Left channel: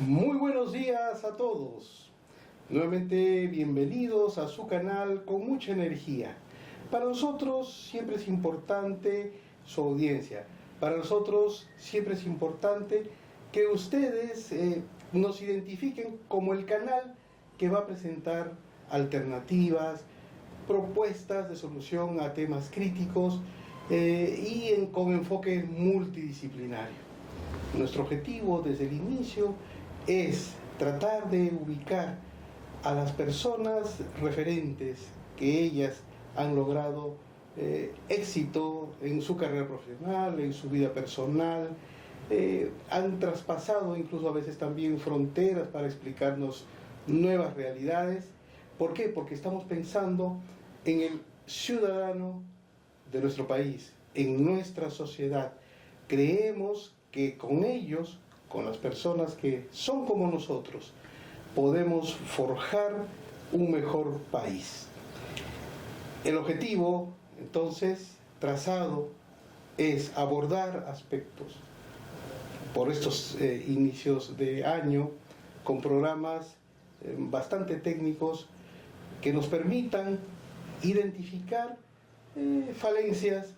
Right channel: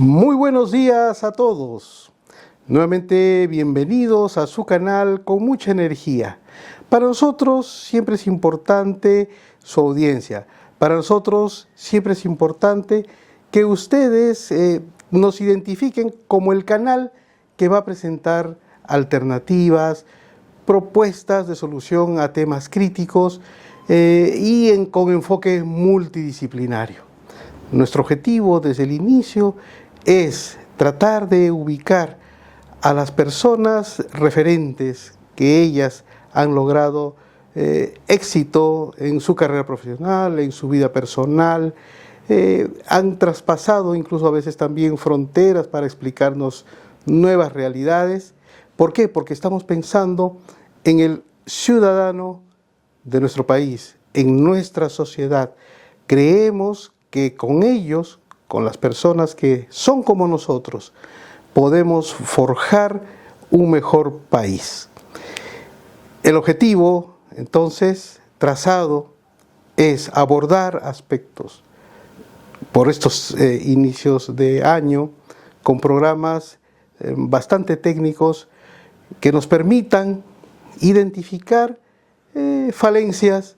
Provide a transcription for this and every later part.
Muy buenos días a todos. Nuevamente bienvenidos a su canal con mucha energía. Para nosotros siempre es importante su audiencia. Para nosotros siempre es importante que ustedes nos identifiquen como el canal que va a presentar alternativas, propuestas de solución a temas críticos con enfoque multidisciplinario. Nuestro objetivo desde el inicio es tratar de ubicar a las personas referentes que ellas han logrado éxito en su carrera profesional, en su vida personal, han traspasado incluso a veces también fronteras para explicarnos nuevas realidades. ¿Por qué? Porque estamos pensando en el ciudadano de nuestro país, en nuestra sociedad. Creemos que con ellos, con las personas que son como nosotros, podemos forjar un mejor país. El objetivo, entonces, trazado es abordar aspectos por estos inicios de año con programas bastante técnicos que nos permitan identificar falencias,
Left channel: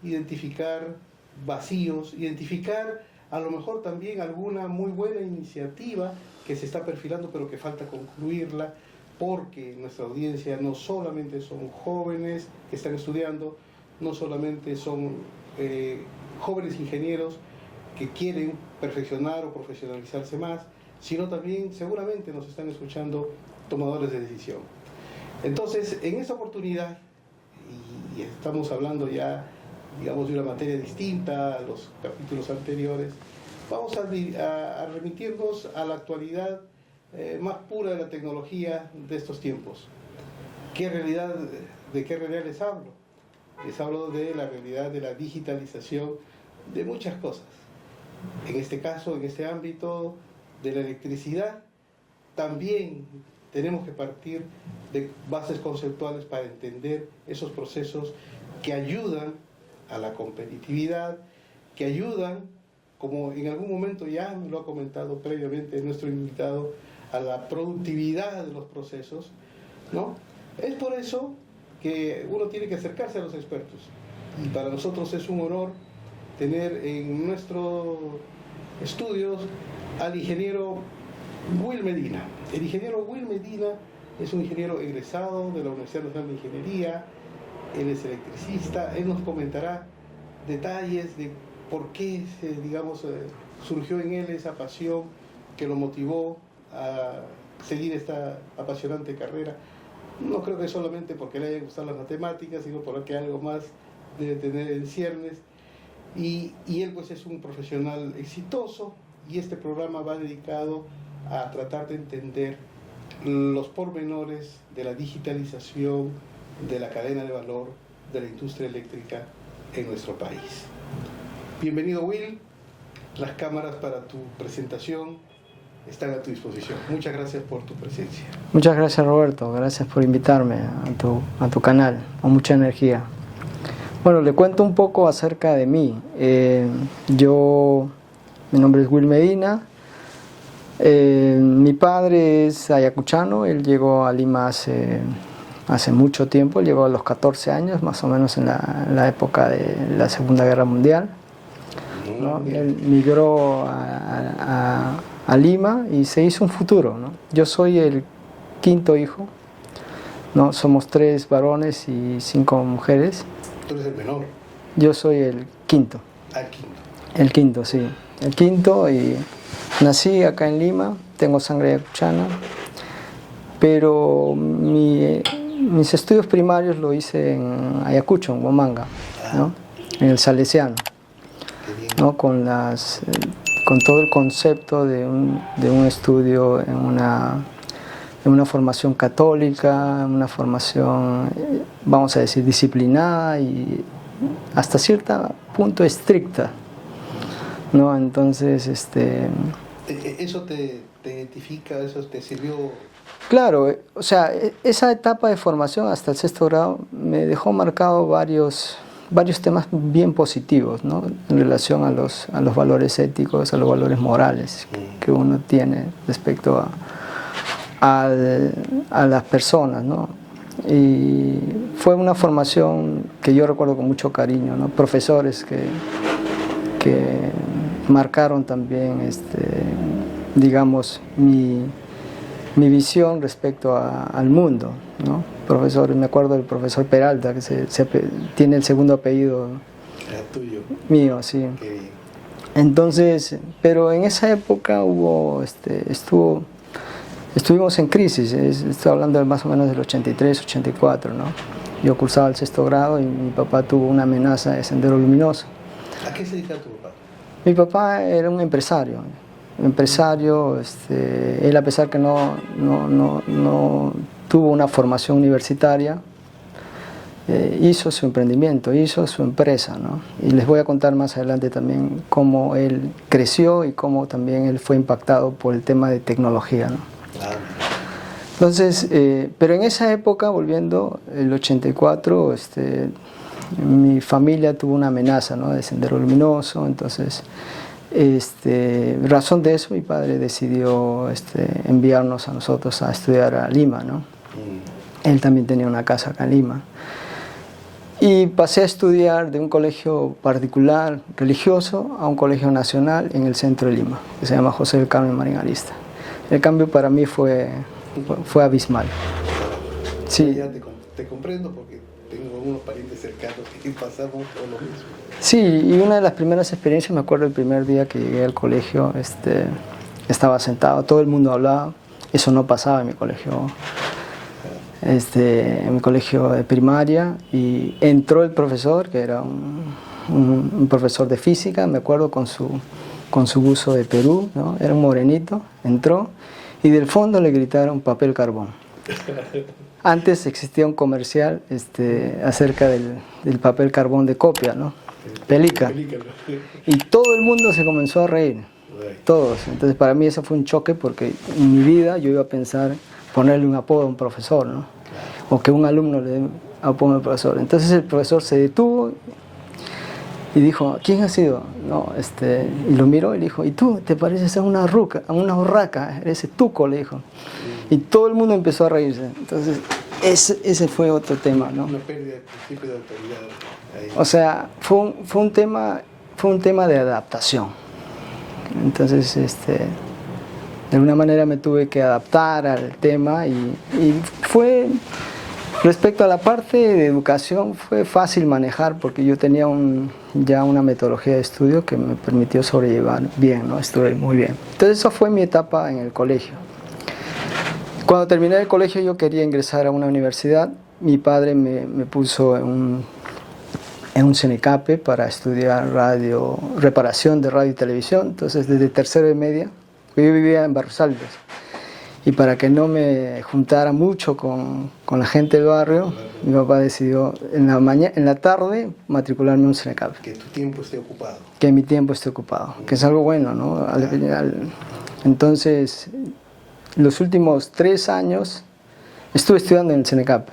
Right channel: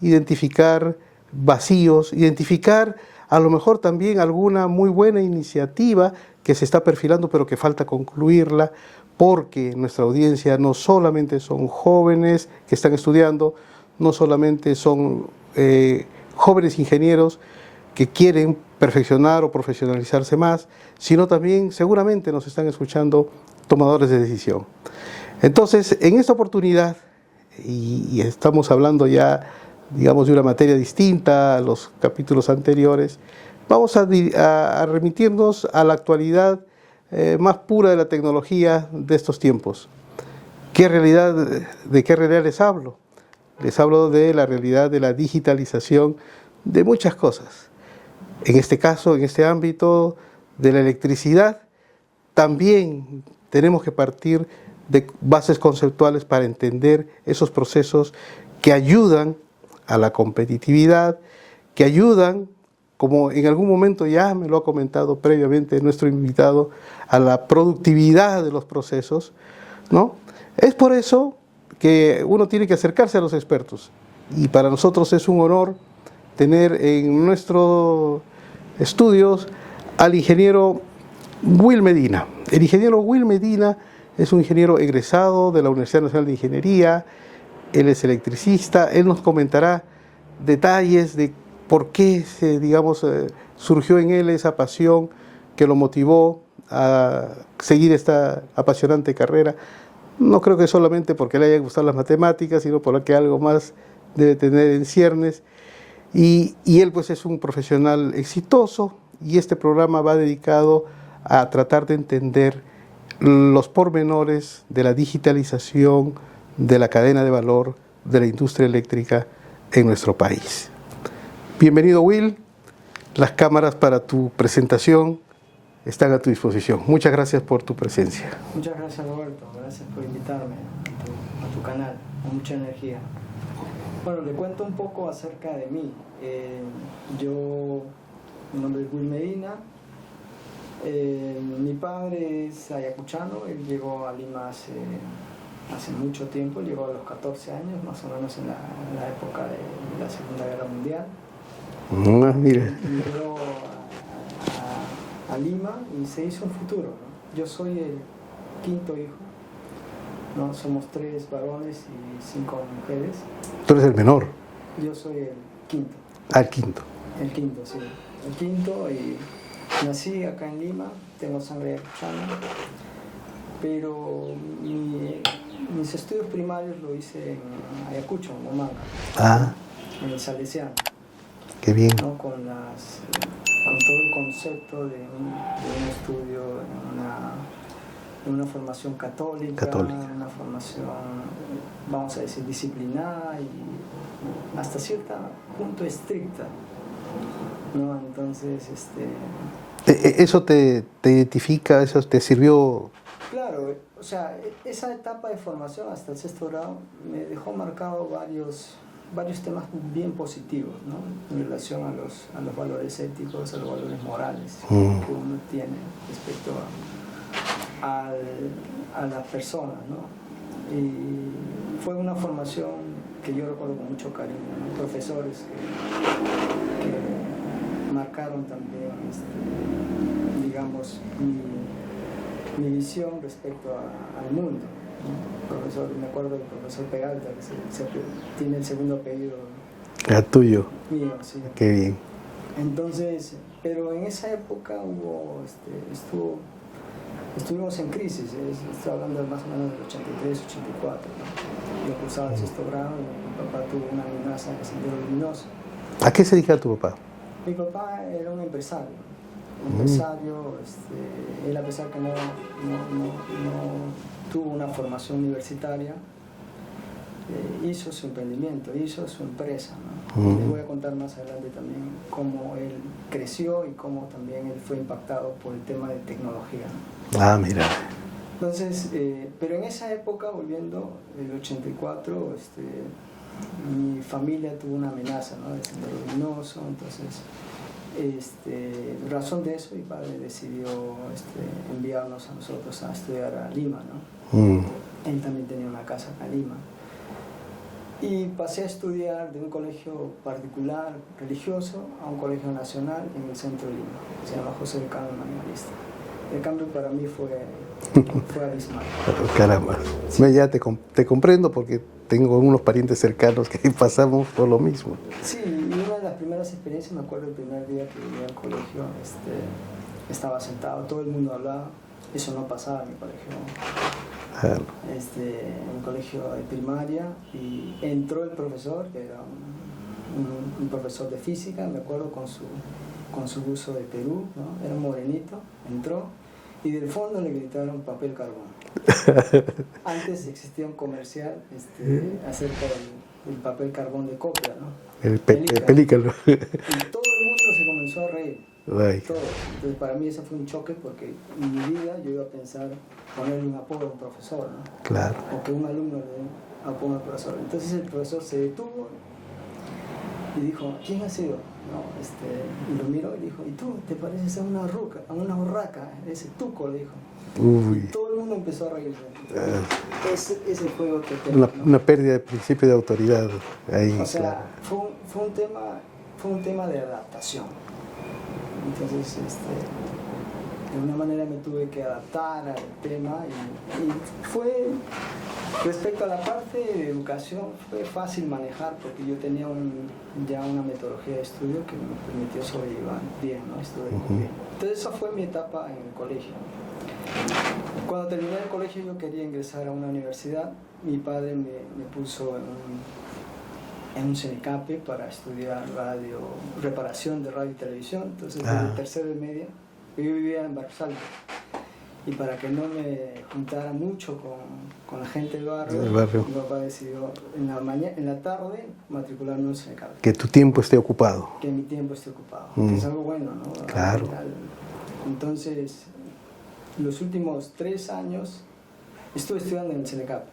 identificar vacíos, identificar a lo mejor también alguna muy buena iniciativa que se está perfilando pero que falta concluirla, porque nuestra audiencia no solamente son jóvenes que están estudiando, no solamente son jóvenes ingenieros que quieren perfeccionar o profesionalizarse más, sino también seguramente nos están escuchando tomadores de decisión. Entonces, en esta oportunidad, y estamos hablando ya, digamos, de una materia distinta a los capítulos anteriores, vamos a remitirnos a la actualidad más pura de la tecnología de estos tiempos. ¿De qué realidad les hablo? Les hablo de la realidad de la digitalización de muchas cosas. En este caso, en este ámbito de la electricidad, también tenemos que partir de bases conceptuales para entender esos procesos que ayudan a la competitividad, que ayudan, como en algún momento ya me lo ha comentado previamente nuestro invitado, a la productividad de los procesos, ¿no? Es por eso que uno tiene que acercarse a los expertos, y para nosotros es un honor tener en nuestros estudios al ingeniero Will Medina. El ingeniero Will Medina es un ingeniero egresado de la Universidad Nacional de Ingeniería. Él es electricista. Él nos comentará detalles de por qué surgió en él esa pasión que lo motivó a seguir esta apasionante carrera. No creo que solamente porque le hayan gustado las matemáticas, sino porque algo más debe tener en ciernes. Y él pues es un profesional exitoso, y este programa va dedicado a tratar de entender los pormenores de la digitalización de la cadena de valor de la industria eléctrica en nuestro país. Bienvenido, Will. Las cámaras para tu presentación están a tu disposición. Muchas gracias por tu presencia. Muchas gracias, Roberto. Gracias por invitarme a tu canal, con mucha energía. Bueno, le cuento un poco acerca de mí. Mi nombre es Will Medina. Mi padre es ayacuchano. Él llegó a Lima hace mucho tiempo. Él llegó a los 14 años, más o menos en la época de la Segunda Guerra Mundial. ¿No? Él migró a Lima y se hizo un futuro, ¿no? Yo soy el quinto hijo, ¿no? Somos 3 varones y 5 mujeres. ¿Tú eres el menor? Yo soy el quinto. El quinto. El quinto, sí. El quinto, y nací acá en Lima, tengo sangre ayacuchana, pero mis estudios primarios lo hice en Ayacucho, en Huamanga, ¿no? En el Salesiano. Qué bien. ¿No? Con todo el concepto de un estudio en una formación católica, una formación, vamos a decir, disciplinada y hasta cierto punto estricta, ¿no? Entonces, ¿Eso te identifica? ¿Eso te sirvió? Claro, o sea, esa etapa de formación hasta el 6º grado me dejó marcado varios varios temas bien positivos, ¿no? En relación a los valores éticos, a los valores morales que uno tiene respecto a las personas, ¿no? Y fue una formación que yo recuerdo con mucho cariño, ¿no? Profesores que marcaron también, digamos, mi visión respecto al mundo, ¿no? Profesores, me acuerdo del profesor Peralta, que tiene el segundo apellido tuyo. Mío, sí. Qué bien. Entonces, pero en esa época estuvimos en crisis, estoy hablando de más o menos del 83, 84, ¿no? Yo cursaba el 6º grado y mi papá tuvo una amenaza de sendero luminoso. ¿A qué se dedicaba tu papá? Mi papá era un empresario. Él, a pesar que no tuvo una formación universitaria, hizo su emprendimiento, hizo su empresa, ¿no? Y les voy a contar más adelante también cómo él creció y cómo también él fue impactado por el tema de tecnología, ¿no? Ah, mira. Entonces, pero en esa época, volviendo, el 84, mi familia tuvo una amenaza, ¿no? De sendero luminoso. Entonces, razón de eso, mi padre decidió enviarnos a nosotros a estudiar a Lima, ¿no? Él también tenía una casa acá en Lima. Y pasé a estudiar de un colegio particular religioso a un colegio nacional en el centro de Lima, que se llama José del Carmen Marín Arista. El cambio para mí fue abismal. Caramba. Sí. Ya te comprendo porque tengo unos parientes cercanos que pasamos por lo mismo. Sí, y una de las primeras experiencias, me acuerdo el primer día que llegué al colegio, estaba sentado, todo el mundo hablaba, eso no pasaba en mi colegio. En mi colegio de primaria, y entró el profesor, que era un profesor de física, me acuerdo, con su buzo de Perú, ¿no? Era un morenito, entró y del fondo le gritaron papel carbón. Antes existía un comercial acerca del papel carbón de copia, ¿no? Pelícano. Y todo el mundo se comenzó a reír, todos. Entonces para mí eso fue un choque, porque en mi vida yo iba a pensar ponerle un apodo a un profesor, ¿no? Claro. O que un alumno le dé un apodo al profesor. Entonces el profesor se detuvo y dijo, ¿quién ha sido? No, y lo miró y le dijo, ¿y tú? ¿Te pareces a una urraca? Eres tuco, le dijo. Y todo el mundo empezó a reírse. Entonces ese fue otro tema, ¿no? Una pérdida de principio de autoridad. Ahí. O sea, fue un tema de adaptación. Entonces, de alguna manera me tuve que adaptar al tema y fue, respecto a la parte de educación, fue fácil manejar, porque yo tenía ya una metodología de estudio que me permitió sobrellevar bien, ¿no? Estuve muy bien. Entonces esa fue mi etapa en el colegio. Cuando terminé el colegio yo quería ingresar a una universidad. Mi padre me puso en un CENECAPE para estudiar reparación de radio y televisión. Entonces desde tercero y media, yo vivía en Barros Altos, y para que no me juntara mucho con la gente del barrio, mi papá decidió en la tarde matricularme en un CENECAPE. Que tu tiempo esté ocupado. Que mi tiempo esté ocupado, que es algo bueno, ¿no? Claro. Entonces, los últimos 3 años estuve estudiando en el CENECAPE.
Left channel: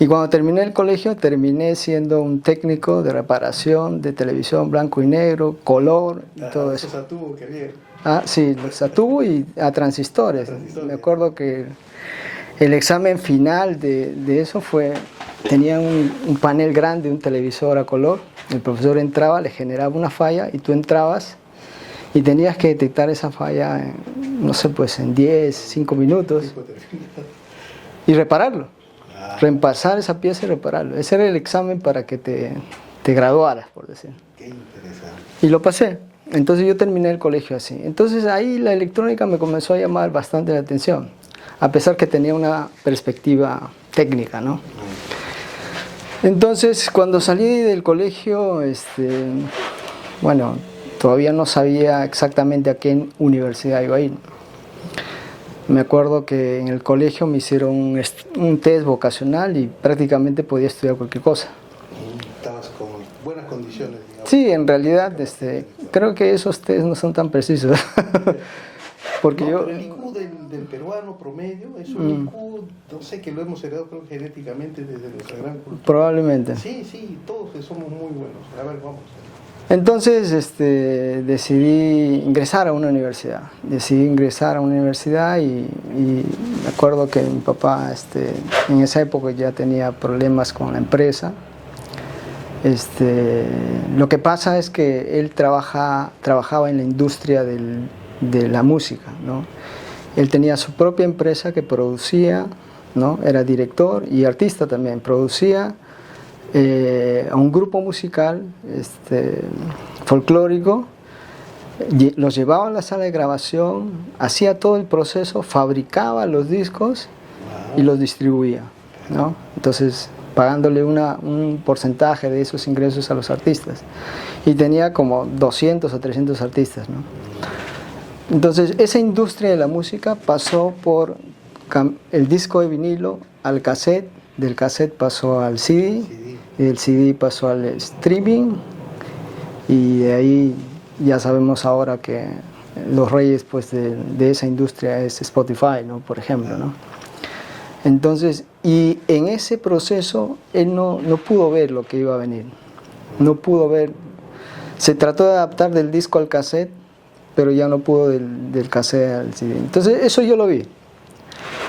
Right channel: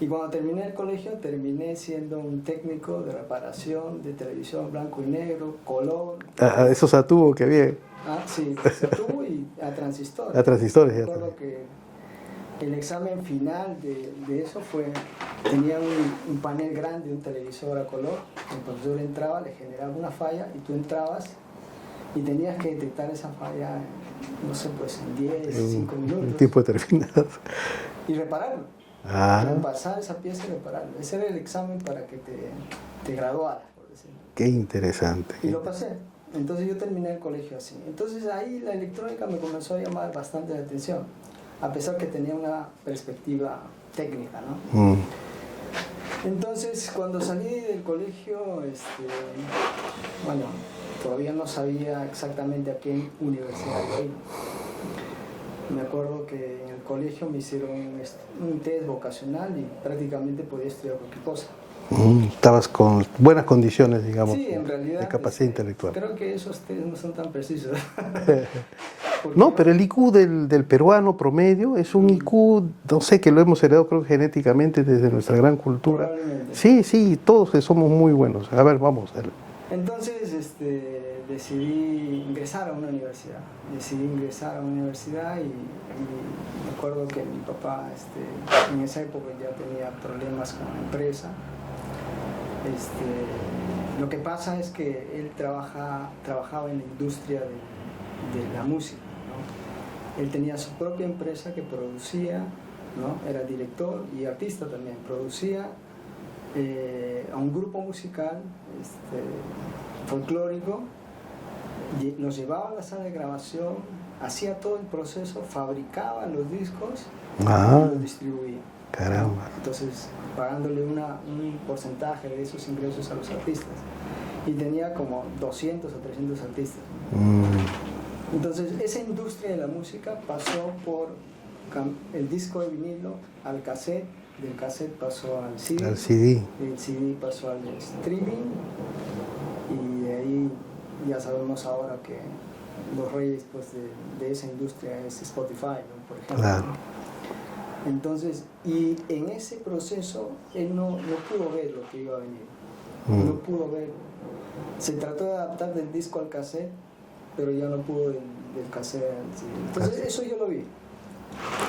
Y cuando terminé el colegio, terminé siendo un técnico de reparación de televisión blanco y negro, color. Eso Satubo, qué bien. Ah, sí, Satubo y a transistores. A transistores. Me acuerdo que el examen final de eso tenía un panel grande, un televisor a color. El profesor entraba, le generaba una falla y tú entrabas y tenías que detectar esa falla no sé, pues en 10, 5 minutos. Un tiempo determinado. Y repararlo. Reemplazar esa pieza y repararlo. Ese era el examen para que te graduaras, por decir. Qué interesante. Y lo pasé. Entonces yo terminé el colegio así. Entonces ahí la electrónica me comenzó a llamar bastante la atención, a pesar que tenía una perspectiva técnica, ¿no? Entonces cuando salí del colegio, bueno, todavía no sabía exactamente a qué universidad iba a ir. Me acuerdo que en el colegio me hicieron un test vocacional y prácticamente podía estudiar cualquier cosa. Estabas con buenas condiciones, digamos. Sí, en realidad de capacidad intelectual. creo que esos test no son tan precisos. Porque no, pero el IQ del peruano promedio es un IQ, no sé, que lo hemos heredado creo genéticamente desde nuestra gran cultura. Probablemente. Sí, sí, todos somos muy buenos. A ver, vamos. Entonces decidí ingresar a una universidad. Y me acuerdo que mi papá en esa época ya tenía problemas con la empresa. Lo que pasa es que él trabajaba en la industria de la música, ¿no? Él tenía su propia empresa que producía, ¿no? Era director y artista también, producía a un grupo musical folclórico, los llevaba a la sala de grabación, hacía todo el proceso, fabricaba los discos y los distribuía, ¿no? Entonces pagándole un porcentaje de esos ingresos a los artistas, y tenía como 200 o 300 artistas, ¿no? Entonces esa industria de la música pasó por el disco de vinilo al cassette, del cassette pasó al CD, y del CD pasó al streaming, y de ahí ya sabemos ahora que los reyes pues de esa industria es Spotify, ¿no? Por ejemplo, ¿no? Entonces, y en ese proceso él no pudo ver lo que iba a venir, no pudo ver, se trató de adaptar del disco al cassette, pero ya no pudo del cassette al CD. Entonces eso yo lo vi.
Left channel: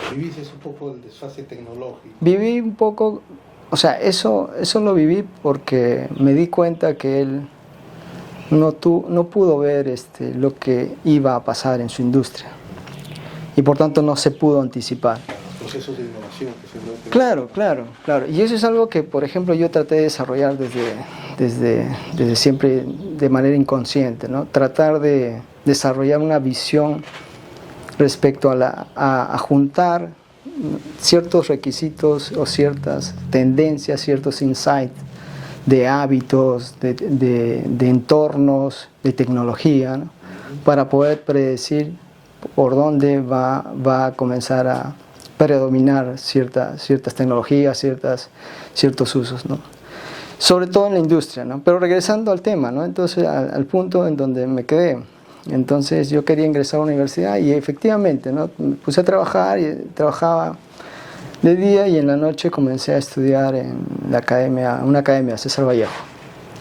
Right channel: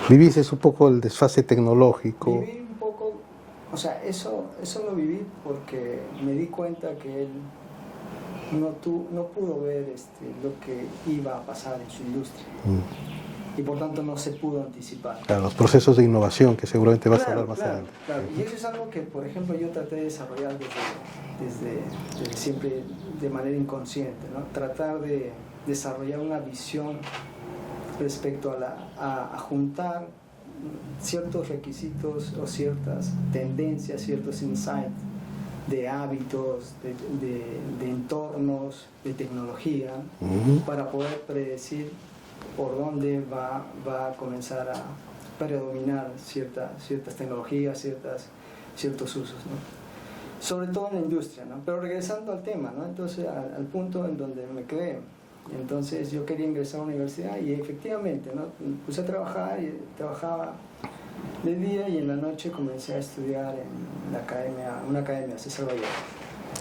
¿Viviste un poco el desfase tecnológico? Viví un poco, o sea, eso lo viví porque me di cuenta que él no pudo ver lo que iba a pasar en su industria. Y por tanto no se pudo anticipar. Claro, los procesos de innovación que seguramente va a ser más Claro. Y eso es algo que, por ejemplo, yo traté de desarrollar desde siempre de manera inconsciente, ¿no? Tratar de desarrollar una visión respecto a juntar ciertos requisitos o ciertas tendencias, ciertos insights de hábitos, de entornos, de tecnología, ¿no? Para poder predecir por dónde va a comenzar a predominar ciertas tecnologías, ciertos usos, ¿no? Sobre todo en la industria, ¿no? Pero regresando al tema, ¿no? Entonces al punto en donde me quedé. Entonces yo quería ingresar a la universidad y efectivamente, ¿no? Me puse a trabajar y trabajaba de día, y en la noche comencé a estudiar en una academia, César Vallejo.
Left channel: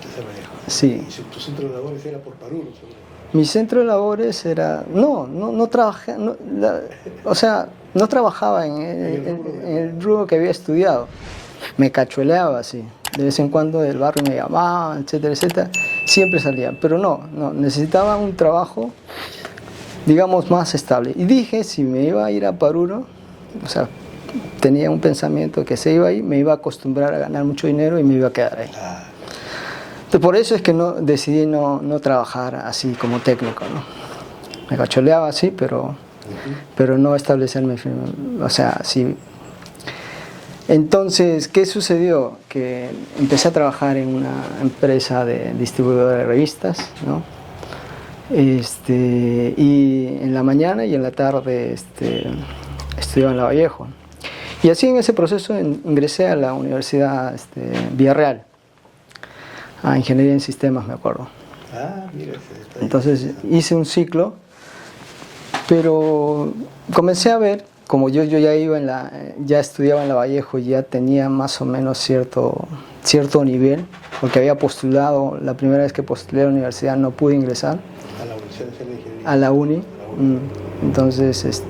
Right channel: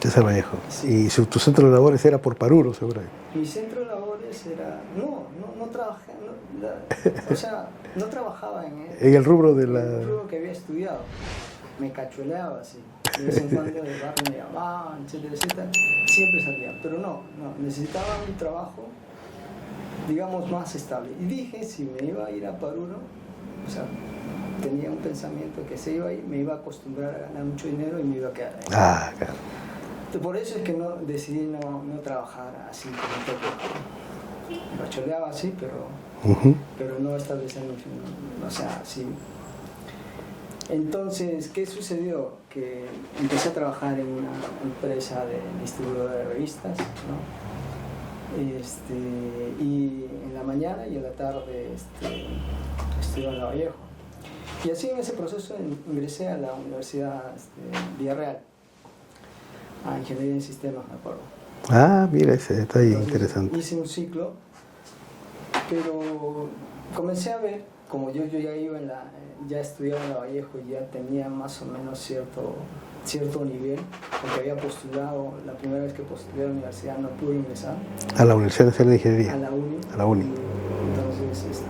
César Vallejo. Sí. Y tu centro de labores era por Paruro, seguramente. Mi centro de labores era... No trabajé... o sea, no trabajaba en el rubro que había estudiado. Me cachueleaba así. De vez en cuando del barrio me llamaban, etcétera, etcétera. Siempre salía. Pero no, necesitaba un trabajo, digamos, más estable. Y dije, si me iba a ir a Paruro, o sea, tenía un pensamiento que se iba ahí, me iba a acostumbrar a ganar mucho dinero y me iba a quedar ahí. Claro. Entonces, por eso es que decidí no trabajar así como técnico, ¿no? Me cacholeaba así, pero no establecerme, o sea, sí. Entonces, ¿qué sucedió? Que empecé a trabajar en una empresa de distribuidora de revistas, ¿no? Y en la mañana y en la tarde estudiaba en Lavallejo. Y así en ese proceso ingresé a la Universidad Villarreal, a Ingeniería en Sistemas, me acuerdo. Ah, mira, ese está ahí. Entonces hice un ciclo, pero comencé a ver, como yo ya estudiaba en Lavallejo, ya tenía más o menos cierto nivel, porque había postulado, la primera vez que postulé a la universidad no pude ingresar. ¿A la Universidad Nacional de Ingeniería? A la uni. A la uni. Entonces,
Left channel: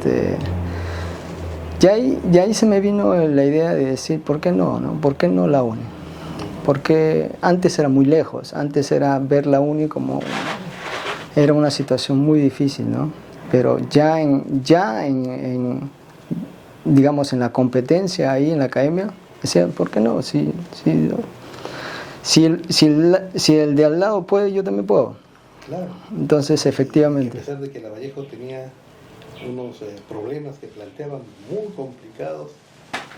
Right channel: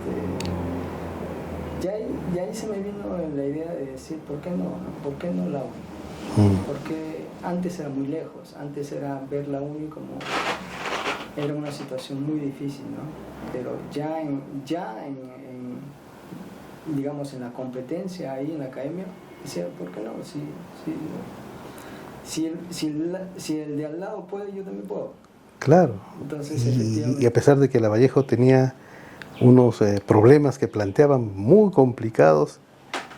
ya ahí se me vino la idea de decir, ¿por qué no? ¿Por qué no la uni? Porque antes era muy lejos, antes era ver la uni como era una situación muy difícil, ¿no? Pero ya digamos en la competencia ahí en la academia, decía, ¿por qué no? Si el de al lado puede, yo también puedo. Claro. Entonces, efectivamente. Y a pesar de que Lavallejo tenía unos problemas que planteaban muy complicados,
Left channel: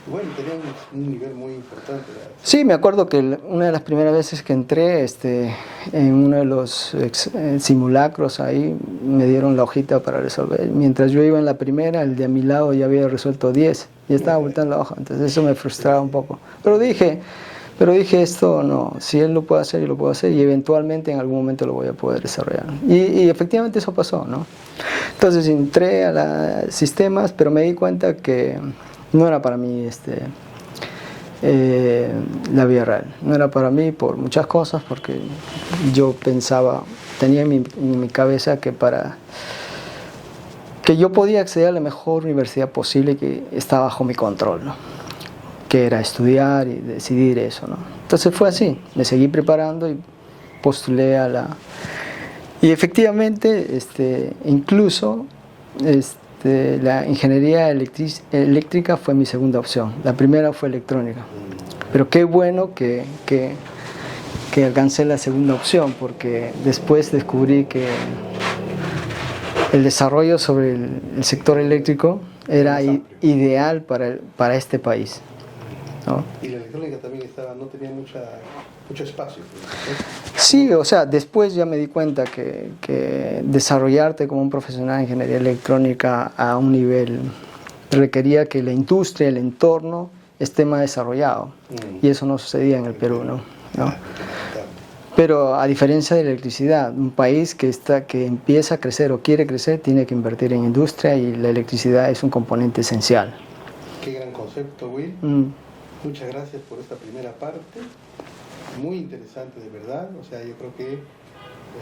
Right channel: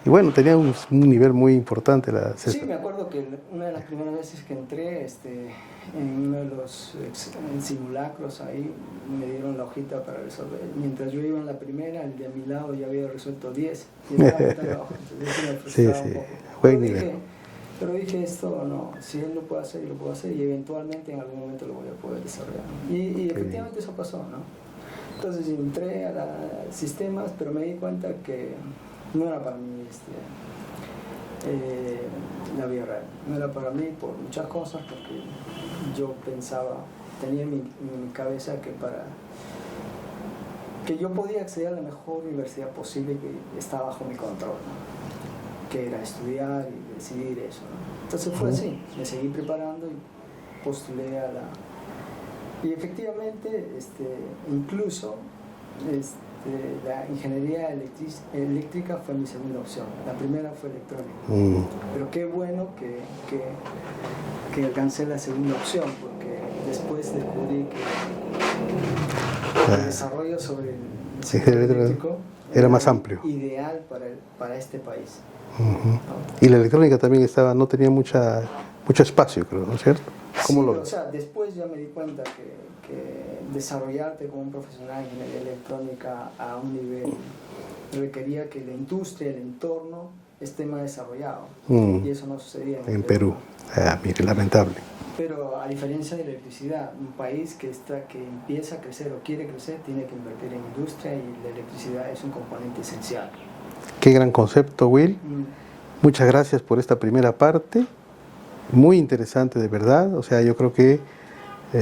y bueno, tenía un nivel muy importante. Sí, me acuerdo que una de las primeras veces que entré en uno de los simulacros ahí, me dieron la hojita para resolver. Mientras yo iba en la primera, el de a mi lado ya había resuelto 10 y estaba botando la hoja. Entonces eso me frustraba un poco. Pero dije, esto no, si él lo puede hacer, yo lo puedo hacer, y eventualmente en algún momento lo voy a poder desarrollar. Y efectivamente eso pasó, ¿no? Entonces entré a los sistemas, pero me di cuenta que no era para mí la vida real. No era para mí por muchas cosas, porque yo pensaba, tenía en mi cabeza que yo podía acceder a la mejor universidad posible que estaba bajo mi control, ¿no? Que era estudiar y decidir eso, ¿no? Entonces fue así, me seguí preparando y postulé a la... Y efectivamente, incluso la ingeniería eléctrica fue mi segunda opción. La primera fue electrónica. Pero qué bueno que alcancé la segunda opción, porque después descubrí que el desarrollo sobre el sector eléctrico era más amplio, ideal para este país. ¿No? Y la electrónica también no tenía mucho espacio, creo, ¿no es cierto? Sí, o sea, después ya me di cuenta que desarrollarte como un profesional de ingeniería electrónica a un nivel requería que la industria, el entorno esté más desarrollado. Y eso no sucedía en el Perú, ¿no? Lamentable. Pero a diferencia de la electricidad, un país que empieza a crecer o quiere crecer tiene que invertir en industria, y la electricidad es un componente esencial. Qué gran concepto, Will. Muchas gracias por esta primera parte. Muy interesante, de verdad. O sea, yo creo que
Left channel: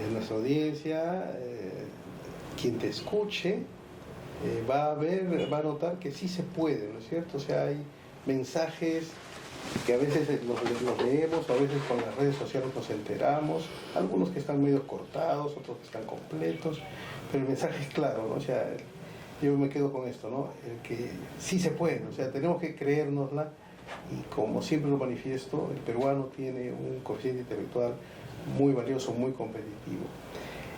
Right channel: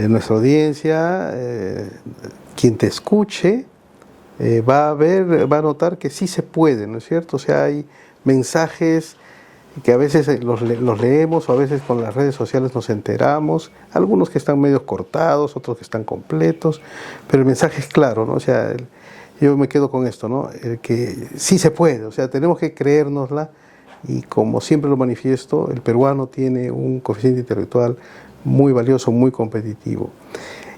nuestra audiencia, quien te escuche, va a notar que sí se puede, ¿no es cierto? O sea, hay mensajes que a veces los leemos, o a veces con las redes sociales nos enteramos, algunos que están medio cortados, otros que están completos, pero el mensaje es claro, ¿no? O sea, yo me quedo con esto, ¿no? El que sí se puede, o sea, tenemos que creérnosla. Y como siempre lo manifiesto, el peruano tiene un coeficiente intelectual muy valioso, muy competitivo.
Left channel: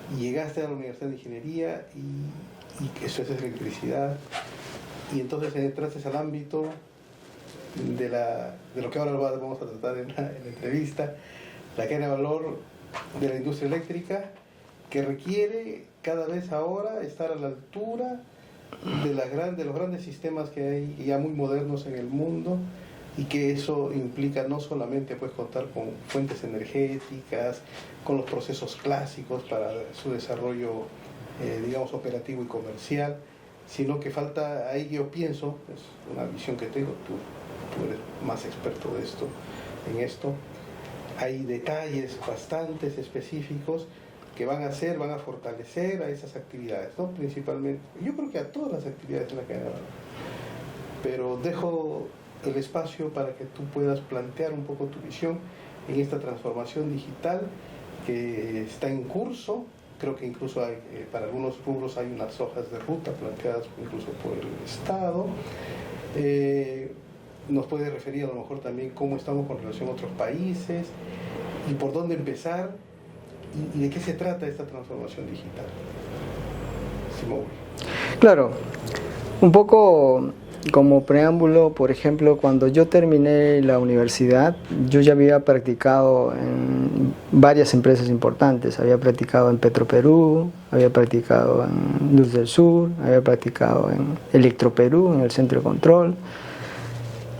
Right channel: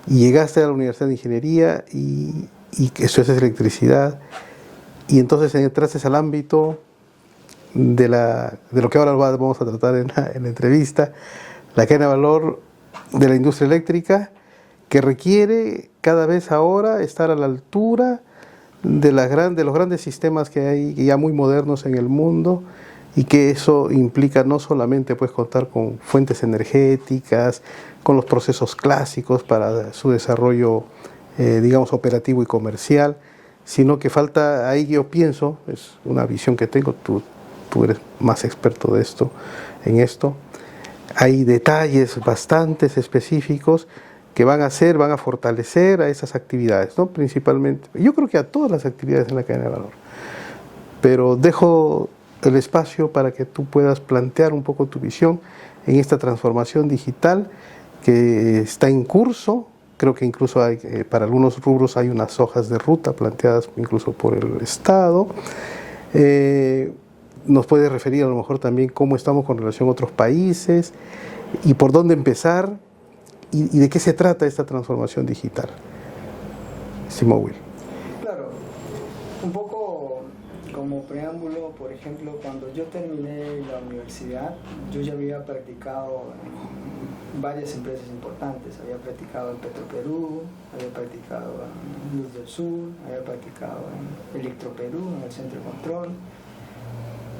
Y llegaste a la Universidad de Ingeniería y eso es electricidad, y entonces entraste al ámbito de lo que ahora vamos a tratar en la entrevista, la cadena de valor de la industria eléctrica, que requiere cada vez ahora estar a la altura de los grandes sistemas que hay ya muy modernos en el mundo, y que eso implica no solamente pues contar con fuentes energéticas, con los procesos clásicos para su desarrollo digamos operativo y comercial, sino que falta, ahí yo pienso, es una visión que tengo, tú eres más experto de esto, en esto, hay detalles bastante específicos que van a fortalecer a esas actividades, ¿no? Principalmente, yo creo que a todas las actividades en la cadena de valor, pero dejo el espacio para que tú puedas plantear un poco tu visión en esta transformación digital que está en curso. Creo que incluso hay, para algunos rubros hay unas hojas de ruta planteadas incluso por el Estado. Nos puedes referir a lo mejor también cómo estamos con relación a otros países y por dónde empezar y de qué se trata esta transformación digital. Simón. Claro, un poco como preámbulo, por ejemplo, cuando yo terminé la universidad, yo ya había practicado en varias empresas importantes. Había practicado en Petroperú, había practicado en Luz del Sur, había practicado en Electroperú, en el Centro de Control,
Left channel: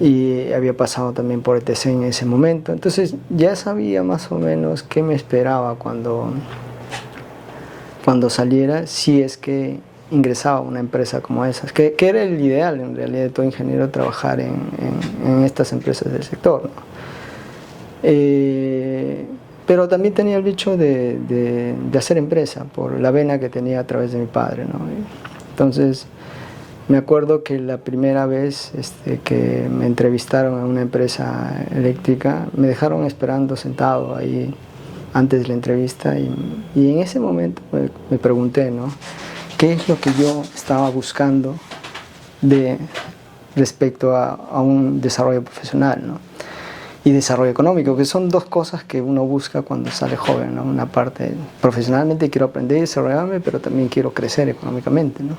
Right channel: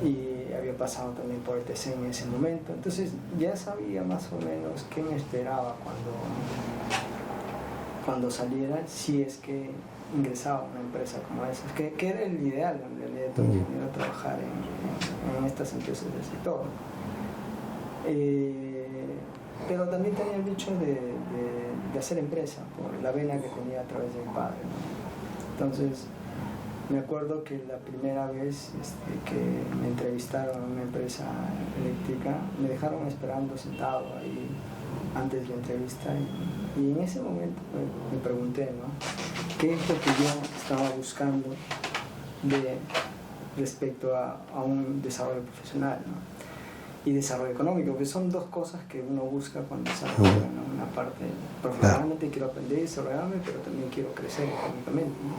y había pasado también por ETC en ese momento. Entonces ya sabía más o menos qué me esperaba cuando saliera, si es que ingresaba a una empresa como esas, que era el ideal en realidad de todo ingeniero, trabajar en estas empresas del sector, ¿no? Pero también tenía el bicho de hacer empresa por la vena que tenía a través de mi padre, ¿no? Entonces me acuerdo que la primera vez que me entrevistaron en una empresa eléctrica, me dejaron esperando sentado ahí antes de la entrevista, y en ese momento me pregunté, ¿no?, ¿qué es lo que yo estaba buscando respecto a un desarrollo profesional, ¿no?, y desarrollo económico, que son dos cosas que uno busca cuando sale joven, ¿no? Una parte, profesionalmente quiero aprender y desarrollarme, pero también quiero crecer económicamente, ¿no?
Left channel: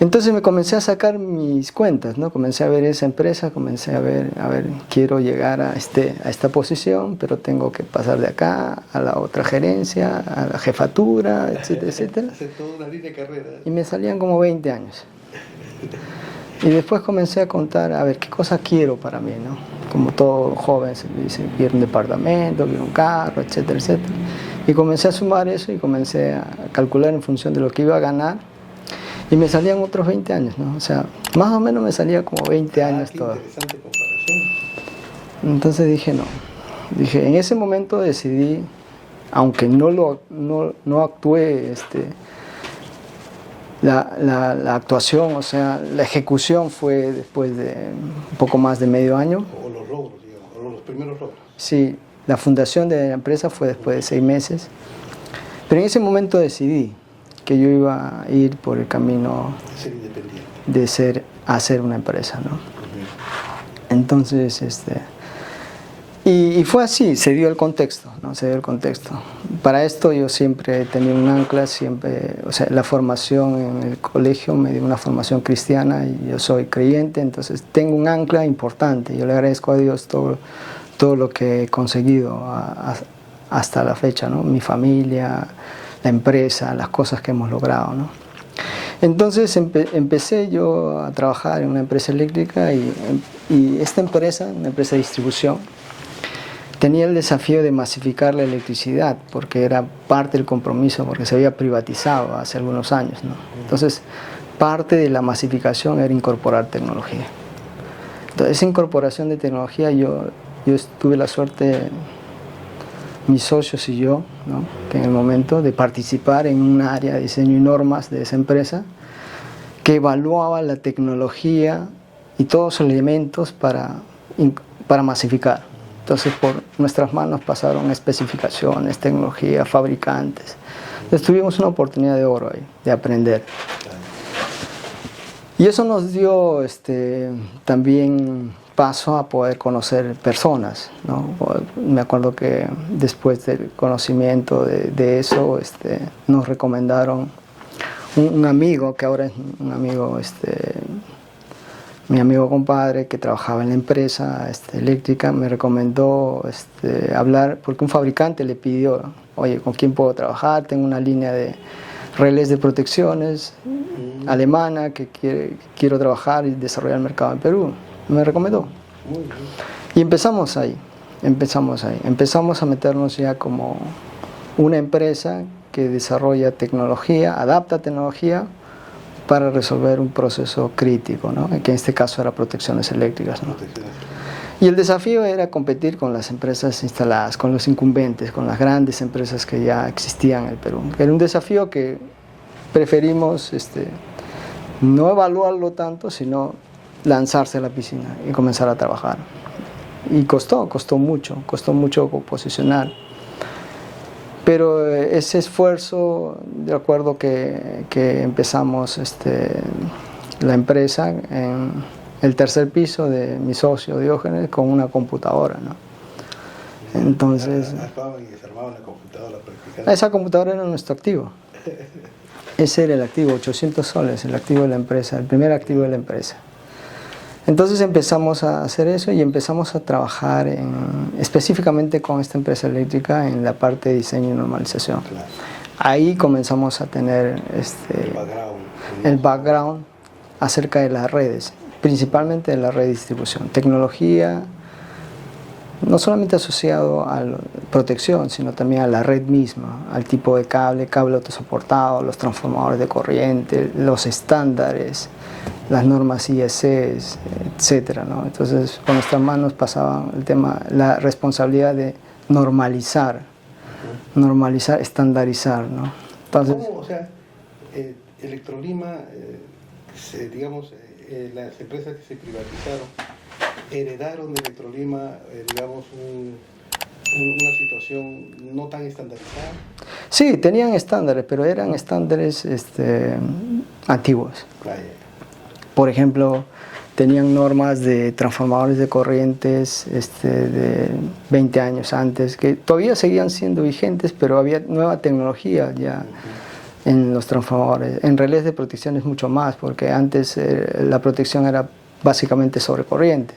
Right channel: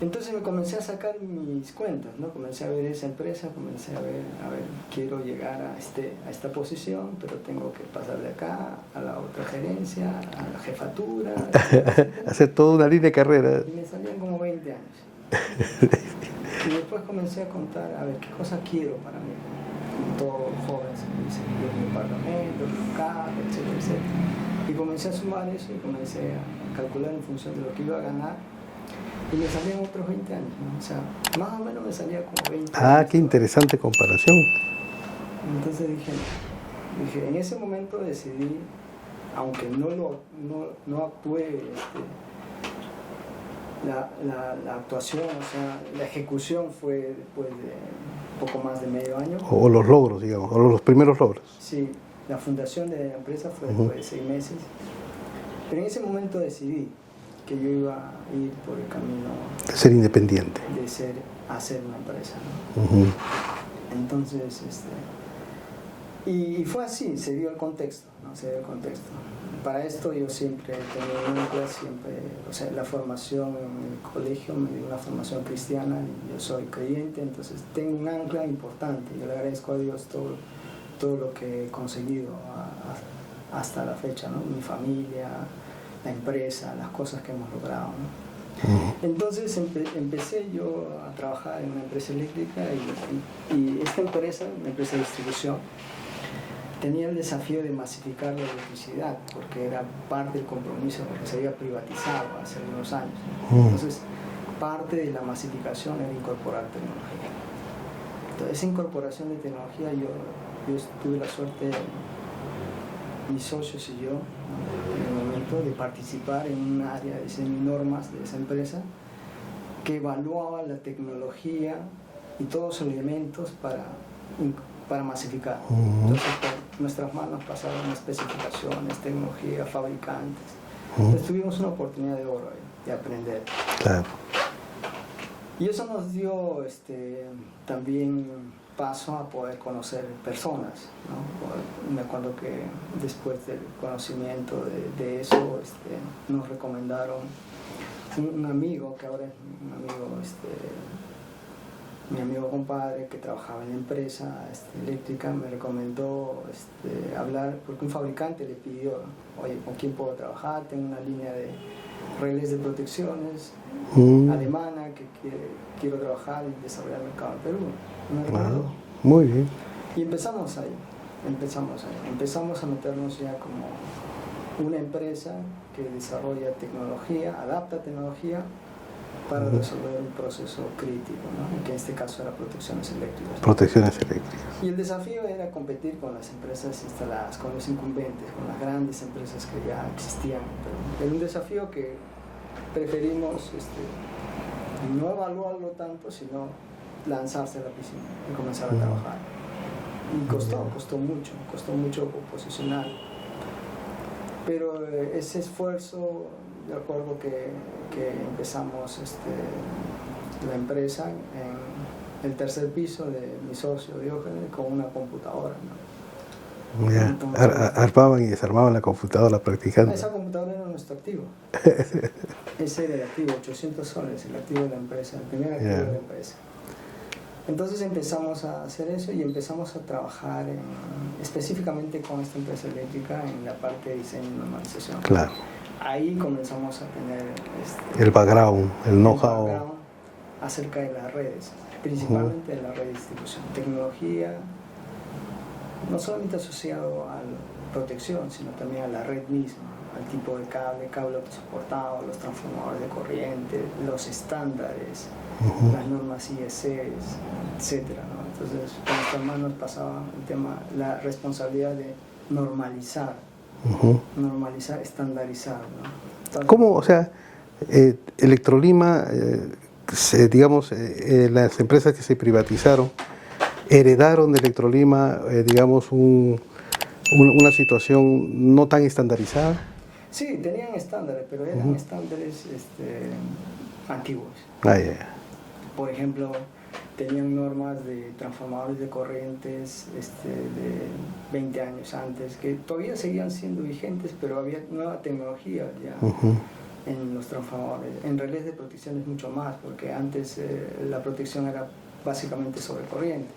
Entonces me comencé a sacar mis cuentas, ¿no? Comencé a ver esa empresa, comencé a ver, quiero llegar a esta posición, pero tengo que pasar de acá a la otra gerencia, a la jefatura, etcétera, etcétera. Hacer toda una línea de carrera. Y me salían como 20 años. Y después comencé a contar, a ver, qué cosa quiero para mí, ¿no? Como todo joven se dice, quiero un departamento, quiero un carro, etcétera, etcétera. Y comencé a sumar eso y comencé a calcular en función de lo que iba a ganar. Y me salían otros 20 años, ¿no? O sea, más o menos me salía como 20 años. Ah, qué interesante comparación. Entonces dije, no. Dije, en ese momento decidí, aunque no actué, la actuación, o sea, la ejecución fue después de un poco más de medio año. O los logros, digamos, o los primeros logros. Sí, la fundación de la empresa fue después de 6 meses. Pero en ese momento decidí que yo iba a ir por el camino de ser independiente, de hacer una empresa, ¿no? Entonces, y fue así, se dio el contexto, ¿no? Se dio el contexto. Para esto yo siempre he tenido un ancla, siempre, o sea, la formación en el colegio me dio una formación cristiana y yo soy creyente, entonces tengo un ancla importante. Yo le agradezco a Dios todo lo que he conseguido hasta la fecha, ¿no? Mi familia, la empresa, las cosas que hemos logrado, ¿no? Entonces empecé yo a trabajar en una empresa eléctrica y esta empresa, una empresa de distribución, tenía el desafío de masificar la electricidad porque era parte del compromiso, porque se había privatizado hace algunos años, ¿no? Entonces parte de la masificación era incorporar tecnología. Entonces esa incorporación de tecnología yo tuve la suerte, mis socios y yo, ¿no? Que en el momento de participar en un área de diseño y normas de esa empresa que evaluaba la tecnología y todos los elementos para masificar. Entonces por nuestras manos pasaron especificaciones, tecnología, fabricantes. Entonces tuvimos una oportunidad de oro ahí, de aprender. Claro. Y eso nos dio también paso a poder conocer personas, ¿no? Me acuerdo que después del conocimiento de eso, nos recomendaron un amigo, que ahora es un amigo, mi amigo compadre que trabajaba en la empresa eléctrica, me recomendó hablar, porque un fabricante le pidió, oye, ¿con quién puedo trabajar? Tengo una línea de relés de protecciones alemana que quiero trabajar y desarrollar el mercado en Perú. Me recomendó. Muy bien. Y empezamos ahí. Empezamos a meternos ya como una empresa que desarrolla tecnología, adapta tecnología para resolver un proceso crítico, ¿no? Que en este caso era protecciones eléctricas, ¿no? Protecciones eléctricas. Y el desafío era competir con las empresas instaladas, con los incumbentes, con las grandes empresas que ya existían en el Perú. Era un desafío que preferimos no evaluarlo tanto, sino lanzarse a la piscina y comenzar a trabajar. Y costó mucho posicionar. Pero ese esfuerzo, de acuerdo que empezamos la empresa en el tercer piso de mi socio Diógenes con una computadora, ¿no? Entonces, armaban y desarmaban la computadora practicando. Esa computadora era nuestro activo. Ese era el activo, 800 soles, el activo de la empresa, el primer activo de la empresa. Entonces empezamos a hacer eso y empezamos a trabajar específicamente con esta empresa eléctrica en la parte de diseño y normalización. Claro. Ahí comenzamos a tener el background, el background acerca de las redes, principalmente de la red de distribución. Tecnología, no solamente asociado a la protección, sino también a la red misma, al tipo de cable autosoportado, los transformadores de corriente, los estándares, las normas IEC, etcétera, ¿no? Entonces, por nuestras manos pasaba el tema, la responsabilidad de normalizar, estandarizar, ¿no? Entonces, ¿cómo, o sea, Electrolima, digamos, las empresas que se privatizaron, heredaron de Electrolima, digamos, una situación no tan estandarizada? Sí, tenían estándares, pero eran estándares antiguos. Por ejemplo, tenían normas de transformadores de corrientes de 20 años antes, que todavía seguían siendo vigentes, pero había nueva tecnología ya en los transformadores. En relés de protección es mucho más, porque antes la protección era básicamente sobre corriente.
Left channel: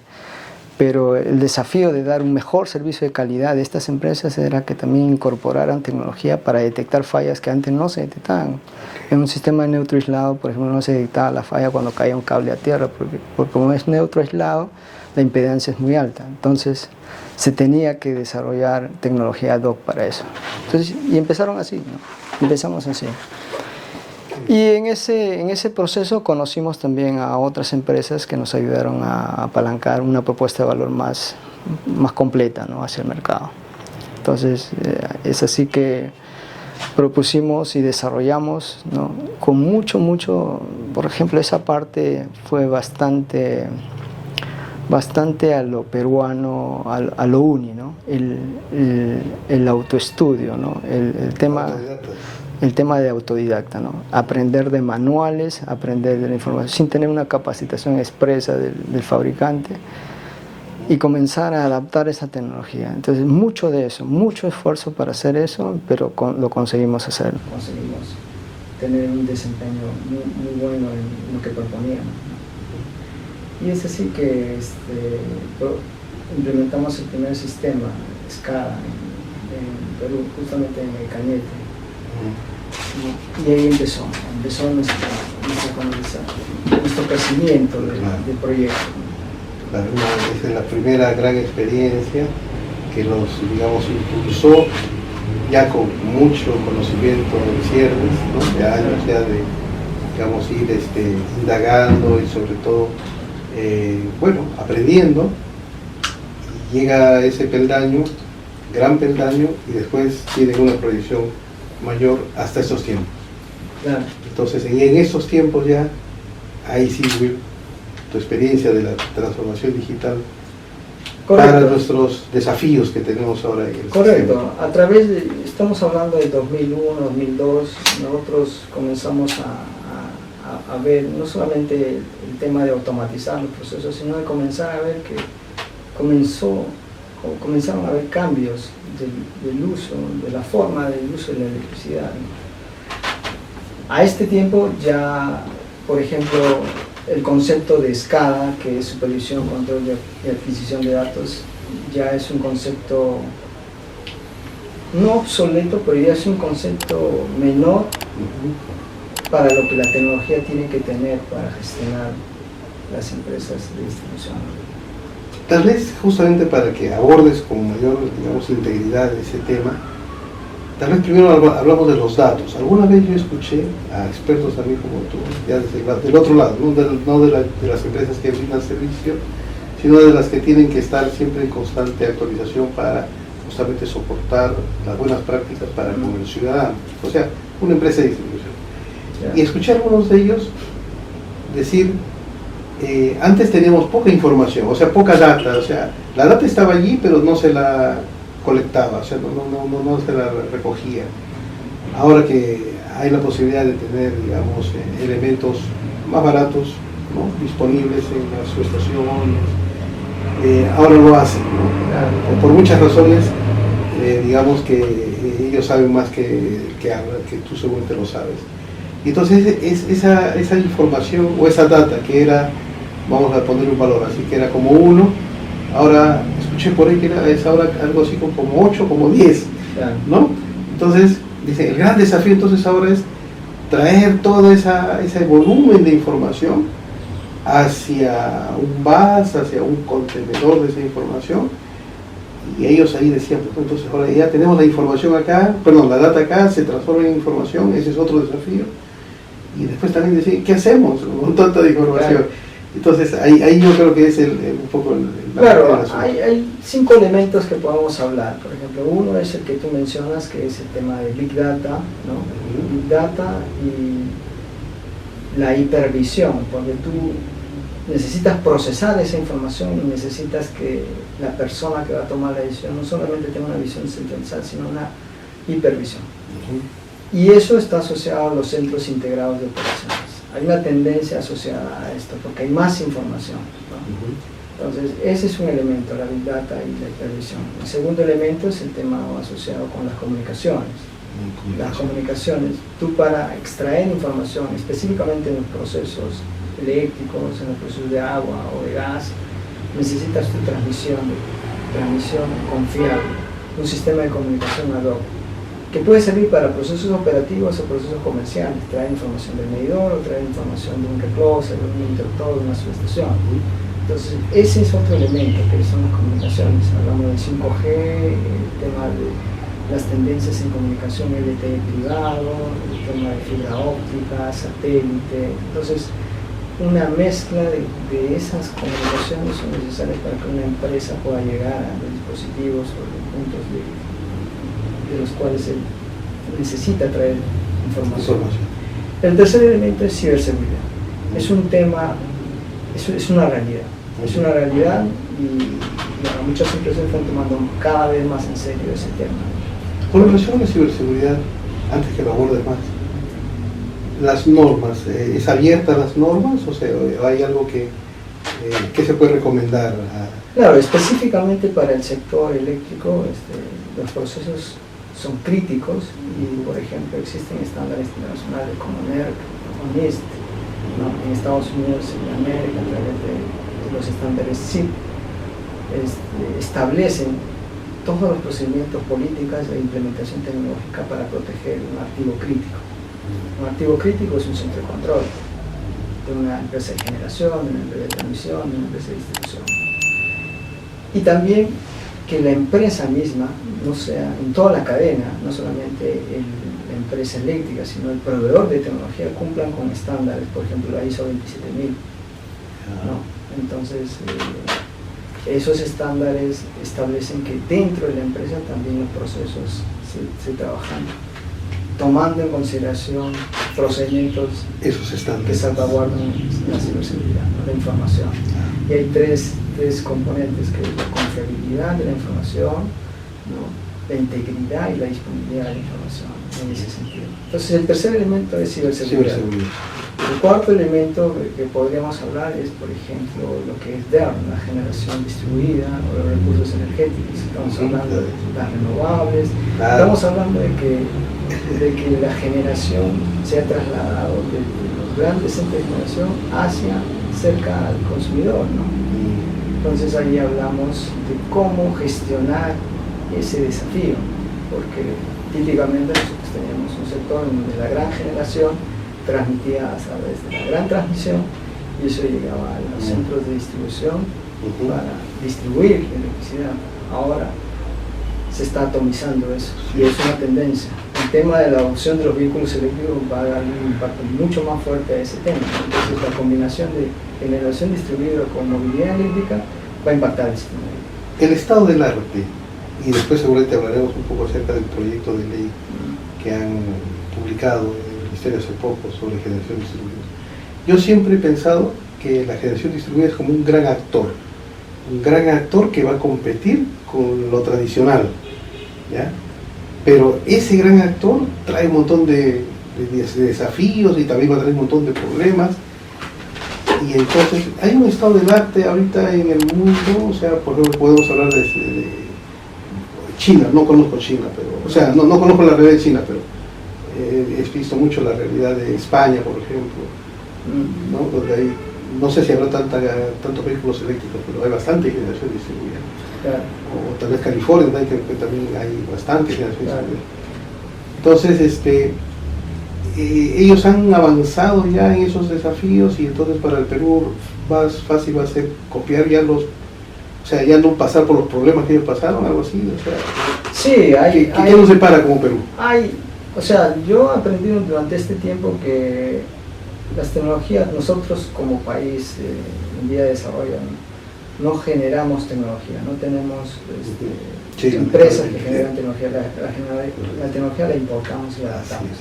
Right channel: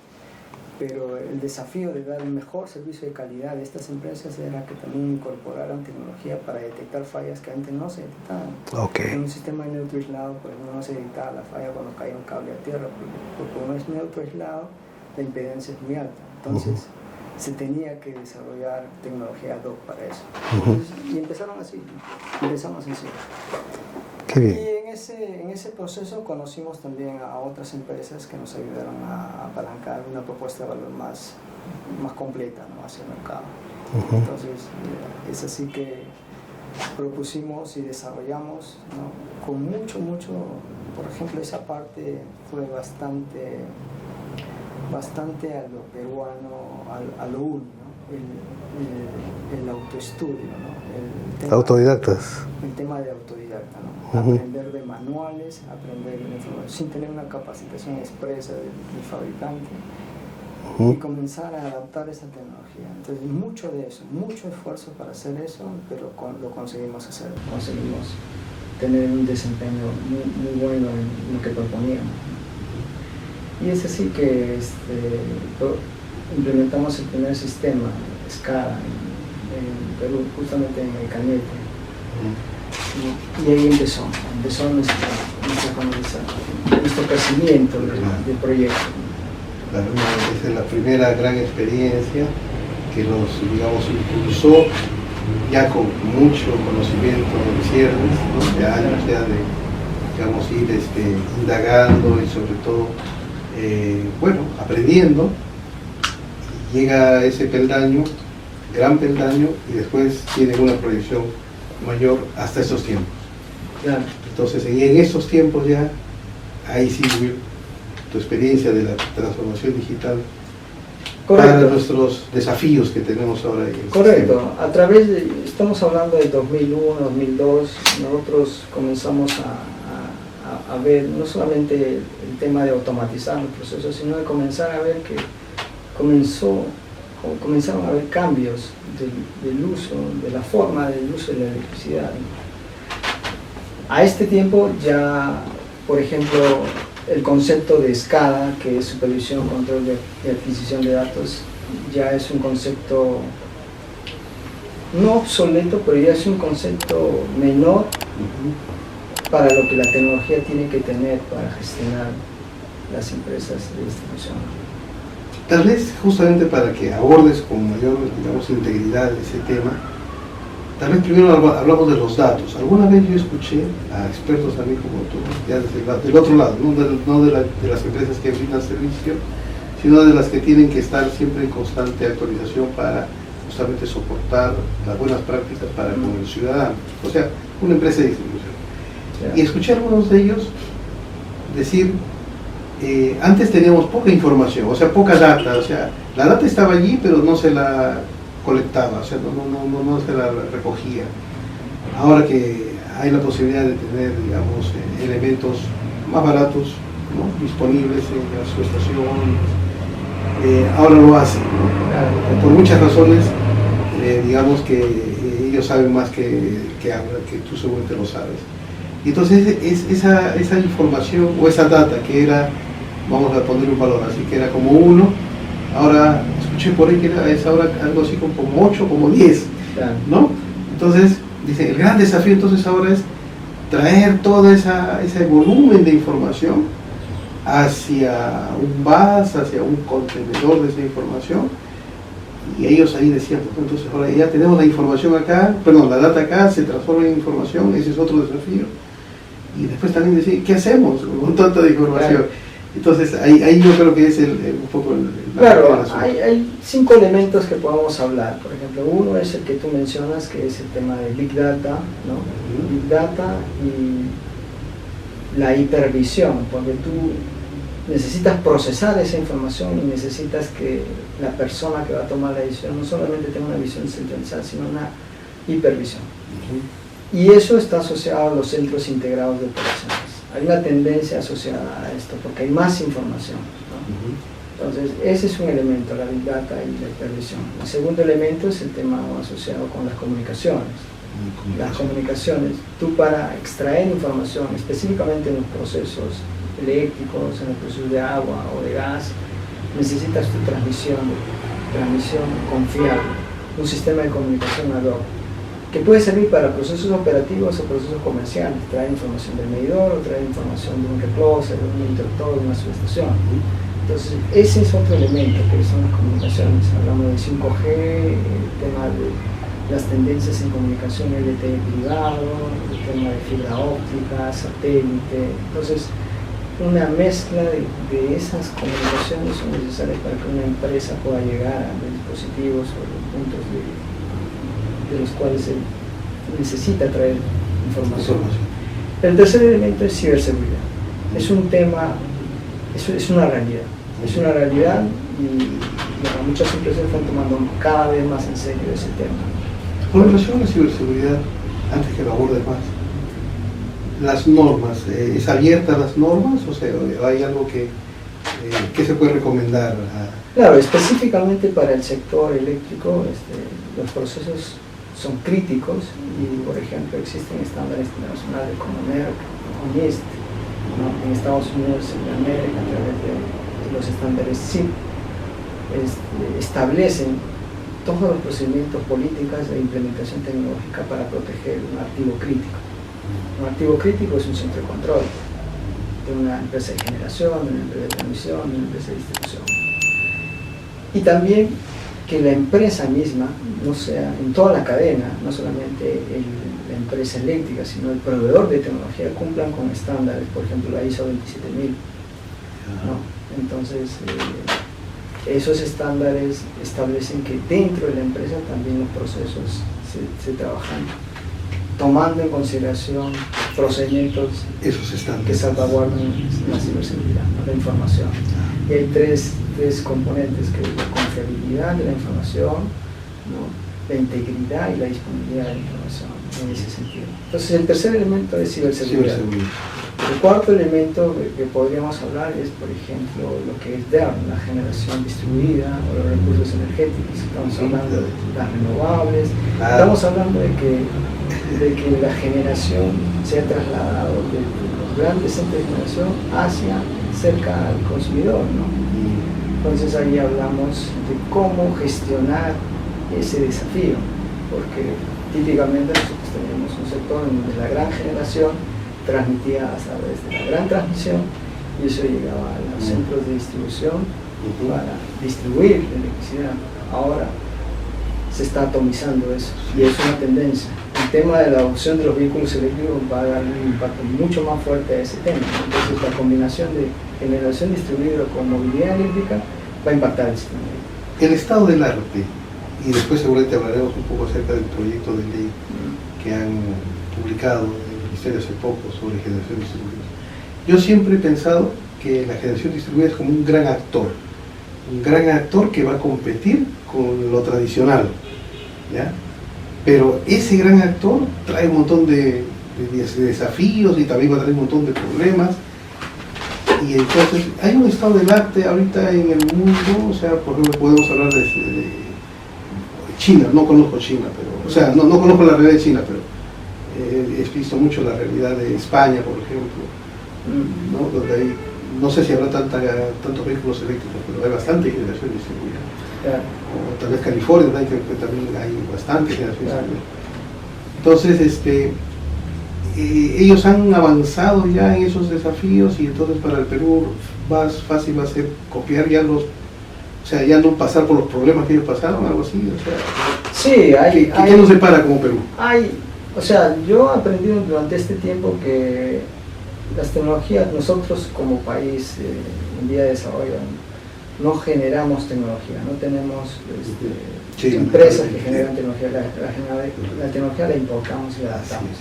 Pero el desafío de dar un mejor servicio de calidad de estas empresas era que también incorporaran tecnología para detectar fallas que antes no se detectaban. En un sistema de neutro aislado, por ejemplo, no se detectaba la falla cuando caía un cable a tierra, porque como es neutro aislado, la impedancia es muy alta. Entonces se tenía que desarrollar tecnología ad hoc para eso. Entonces, y empezaron así, ¿no? Empezamos así. Y en ese proceso conocimos también a otras empresas que nos ayudaron a apalancar una propuesta de valor más completa, ¿no? Hacia el mercado. Entonces, es así que propusimos y desarrollamos, ¿no? Con mucho, por ejemplo, esa parte fue bastante a lo peruano, a lo uni, ¿no? El autoestudio, ¿no? El tema, autodidactas. El tema de autodidacta, ¿no? Aprender de manuales, aprender de la información, sin tener una capacitación expresa del fabricante, y comenzar a adaptar esa tecnología. Entonces, mucho de eso, mucho esfuerzo para hacer eso, pero lo conseguimos hacer. Conseguimos tener un desempeño muy bueno en lo que proponíamos, ¿no? Y es así que implementamos el primer sistema SCADA en Perú, justamente en el Cañete. Y ahí empezó nuestro crecimiento del proyecto. Esta es la primera gran experiencia que nos, digamos, impulsó ya con mucho conocimiento de cierres, ¿no? De años ya de, digamos, ir indagando y sobre todo, aprendiendo. Llega ese peldaño, gran peldaño, y después tiene una proyección mayor hasta esos tiempos. Claro. Entonces, en esos tiempos ya, ahí sí tu experiencia de la transformación digital. Correcto. Para nuestros desafíos que tenemos ahora. Correcto. Estamos hablando de 2001, 2002, nosotros comenzamos a ver no solamente el tema de automatizar los procesos, sino de comenzar a ver que comenzaron a haber cambios del uso, de la forma del uso de la electricidad, ¿no? A este tiempo ya, por ejemplo, el concepto de SCADA, que es supervisión, control y adquisición de datos, ya es un concepto no obsoleto, pero ya es un concepto menor para lo que la tecnología tiene que tener para gestionar las empresas de distribución. Tal vez justamente para que abordes con mayor, digamos, integridad ese tema, tal vez primero hablamos de los datos. Alguna vez yo escuché a expertos también como tú, ya del otro lado, no de las empresas que brindan servicio, sino de las que tienen que estar siempre en constante actualización para justamente soportar las buenas prácticas para con el ciudadano, o sea, una empresa de distribución. Yeah. Y escuché a algunos de ellos decir, antes teníamos poca información, o sea, poca data, o sea, la data estaba allí, pero no se la colectaba, o sea, no se la recogía. Ahora que hay la posibilidad de tener, digamos, elementos más baratos, ¿no?, disponibles en la subestación, ahora lo hacen, ¿no? Por muchas razones, digamos que ellos saben más que tú seguramente lo sabes. Y entonces esa información o esa data que era, vamos a poner un valor, así que era como 1, ahora escuché por ahí que es ahora algo así como 8, como 10, ¿no? Entonces, dice, el gran desafío entonces ahora es traer todo ese volumen de información hacia un bus, hacia un contenedor de esa información, y ellos ahí decían, entonces ahora ya tenemos la información acá, la data acá se transforma en información, ese es otro desafío. Y después también decir, ¿qué hacemos con tanta información? Claro. Entonces, ahí yo creo que es un poco claro, hay 5 elementos que podemos hablar. Por ejemplo, uno es el que tú mencionas, que es el tema de Big Data, ¿no? Big Data y la hipervisión, porque tú necesitas procesar esa información y necesitas que la persona que va a tomar la decisión no solamente tenga una visión centralizada, sino una hipervisión. Y eso está asociado a los centros integrados de operaciones. Hay una tendencia asociada a esto, porque hay más información, ¿no? Entonces, ese es un elemento, la Big Data y la hipervisión. El segundo elemento es el tema asociado con las comunicaciones. Las comunicaciones, tú para extraer información, específicamente en los procesos eléctricos, en los procesos de agua o de gas, necesitas tu transmisión confiable, un sistema de comunicación ad hoc, que puede servir para procesos operativos o procesos comerciales, traer información del medidor o traer información de un recloser, de un interruptor, de una subestación. Entonces, ese es otro elemento que son las comunicaciones. Hablamos de 5G, el tema de las tendencias en comunicación LTE privado, el tema de fibra óptica, satélite. Entonces, una mezcla de esas comunicaciones son necesarias para que una empresa pueda llegar a los dispositivos o los puntos de los cuales se necesita traer información. El tercer elemento es ciberseguridad. Es un tema, es una realidad. Es una realidad y bueno, muchas empresas están tomando cada vez más en serio ese tema. Con relación a la ciberseguridad, antes que lo aborde más, las normas, ¿es abierta las normas? O sea, ¿hay algo que se puede recomendar? Claro, específicamente para el sector eléctrico, los procesos son críticos y, por ejemplo, existen estándares internacionales como NERC o NIST, ¿no? En Estados Unidos, en América, a través de los estándares CIP, establecen todos los procedimientos políticos e implementación tecnológica para proteger un activo crítico. Un activo crítico es un centro de control de una empresa de generación, de una empresa de transmisión, de una empresa de distribución. Y también que la empresa misma, no sea en toda la cadena, no solamente la empresa eléctrica, sino el proveedor de tecnología, cumplan con estándares, por ejemplo la ISO 27000. ¿No? Entonces, esos estándares establecen que dentro de la empresa también los procesos se trabajan tomando en consideración procedimientos que salvaguardan la ciberseguridad, ¿no? La información. Y hay tres componentes, que es la confiabilidad de la información, ¿no? La integridad y la disponibilidad de la información, en ese sentido. Entonces, el tercer elemento es ciberseguridad. El cuarto elemento que podríamos hablar es, por ejemplo, lo que es DERM, la generación distribuida o los recursos energéticos. Estamos hablando de las renovables, estamos hablando de que la generación se ha trasladado de los grandes centros de generación hacia cerca al consumidor, ¿no? Entonces ahí hablamos de cómo gestionar ese desafío, porque típicamente nosotros tenemos un sector en donde la gran generación transmitía a través de la gran transmisión y eso llegaba a los centros de distribución para distribuir la electricidad. Ahora se está atomizando eso y es una tendencia. El tema de la adopción de los vehículos eléctricos va a dar un impacto mucho más fuerte a ese tema. Entonces la combinación de generación distribuida con movilidad eléctrica va a impactar el sistema. El estado del arte, y después seguramente hablaremos un poco acerca del proyecto de ley que han publicado el Ministerio hace poco sobre generación distribuida. Yo siempre he pensado que la generación distribuida es como un gran actor que va a competir con lo tradicional, ¿ya? Pero ese gran actor trae un montón de desafíos y también va a traer un montón de problemas. Y entonces hay un estado del arte ahorita en el mundo, o sea, por ejemplo podemos hablar de China, no conozco China, pero, o sea, no conozco la realidad de China, pero he visto mucho la realidad de España, por ejemplo, ¿no? Donde hay, no sé si habrá tantos vehículos eléctricos, pero hay bastante generación distribuida. Claro. O tal vez California, ¿no? Que también hay bastante generación distribuida. Entonces, ellos han avanzado ya en esos desafíos y entonces para el Perú más fácil va a ser copiar ya ya no pasar por los problemas que ellos pasaron, algo así. O sea, sí, ¿qué nos separa como Perú? O sea, yo he aprendido durante este tiempo que las tecnologías, nosotros como país en vía de desarrollo, no generamos tecnología, no tenemos empresas que generan tecnología, la tecnología la importamos y la adaptamos.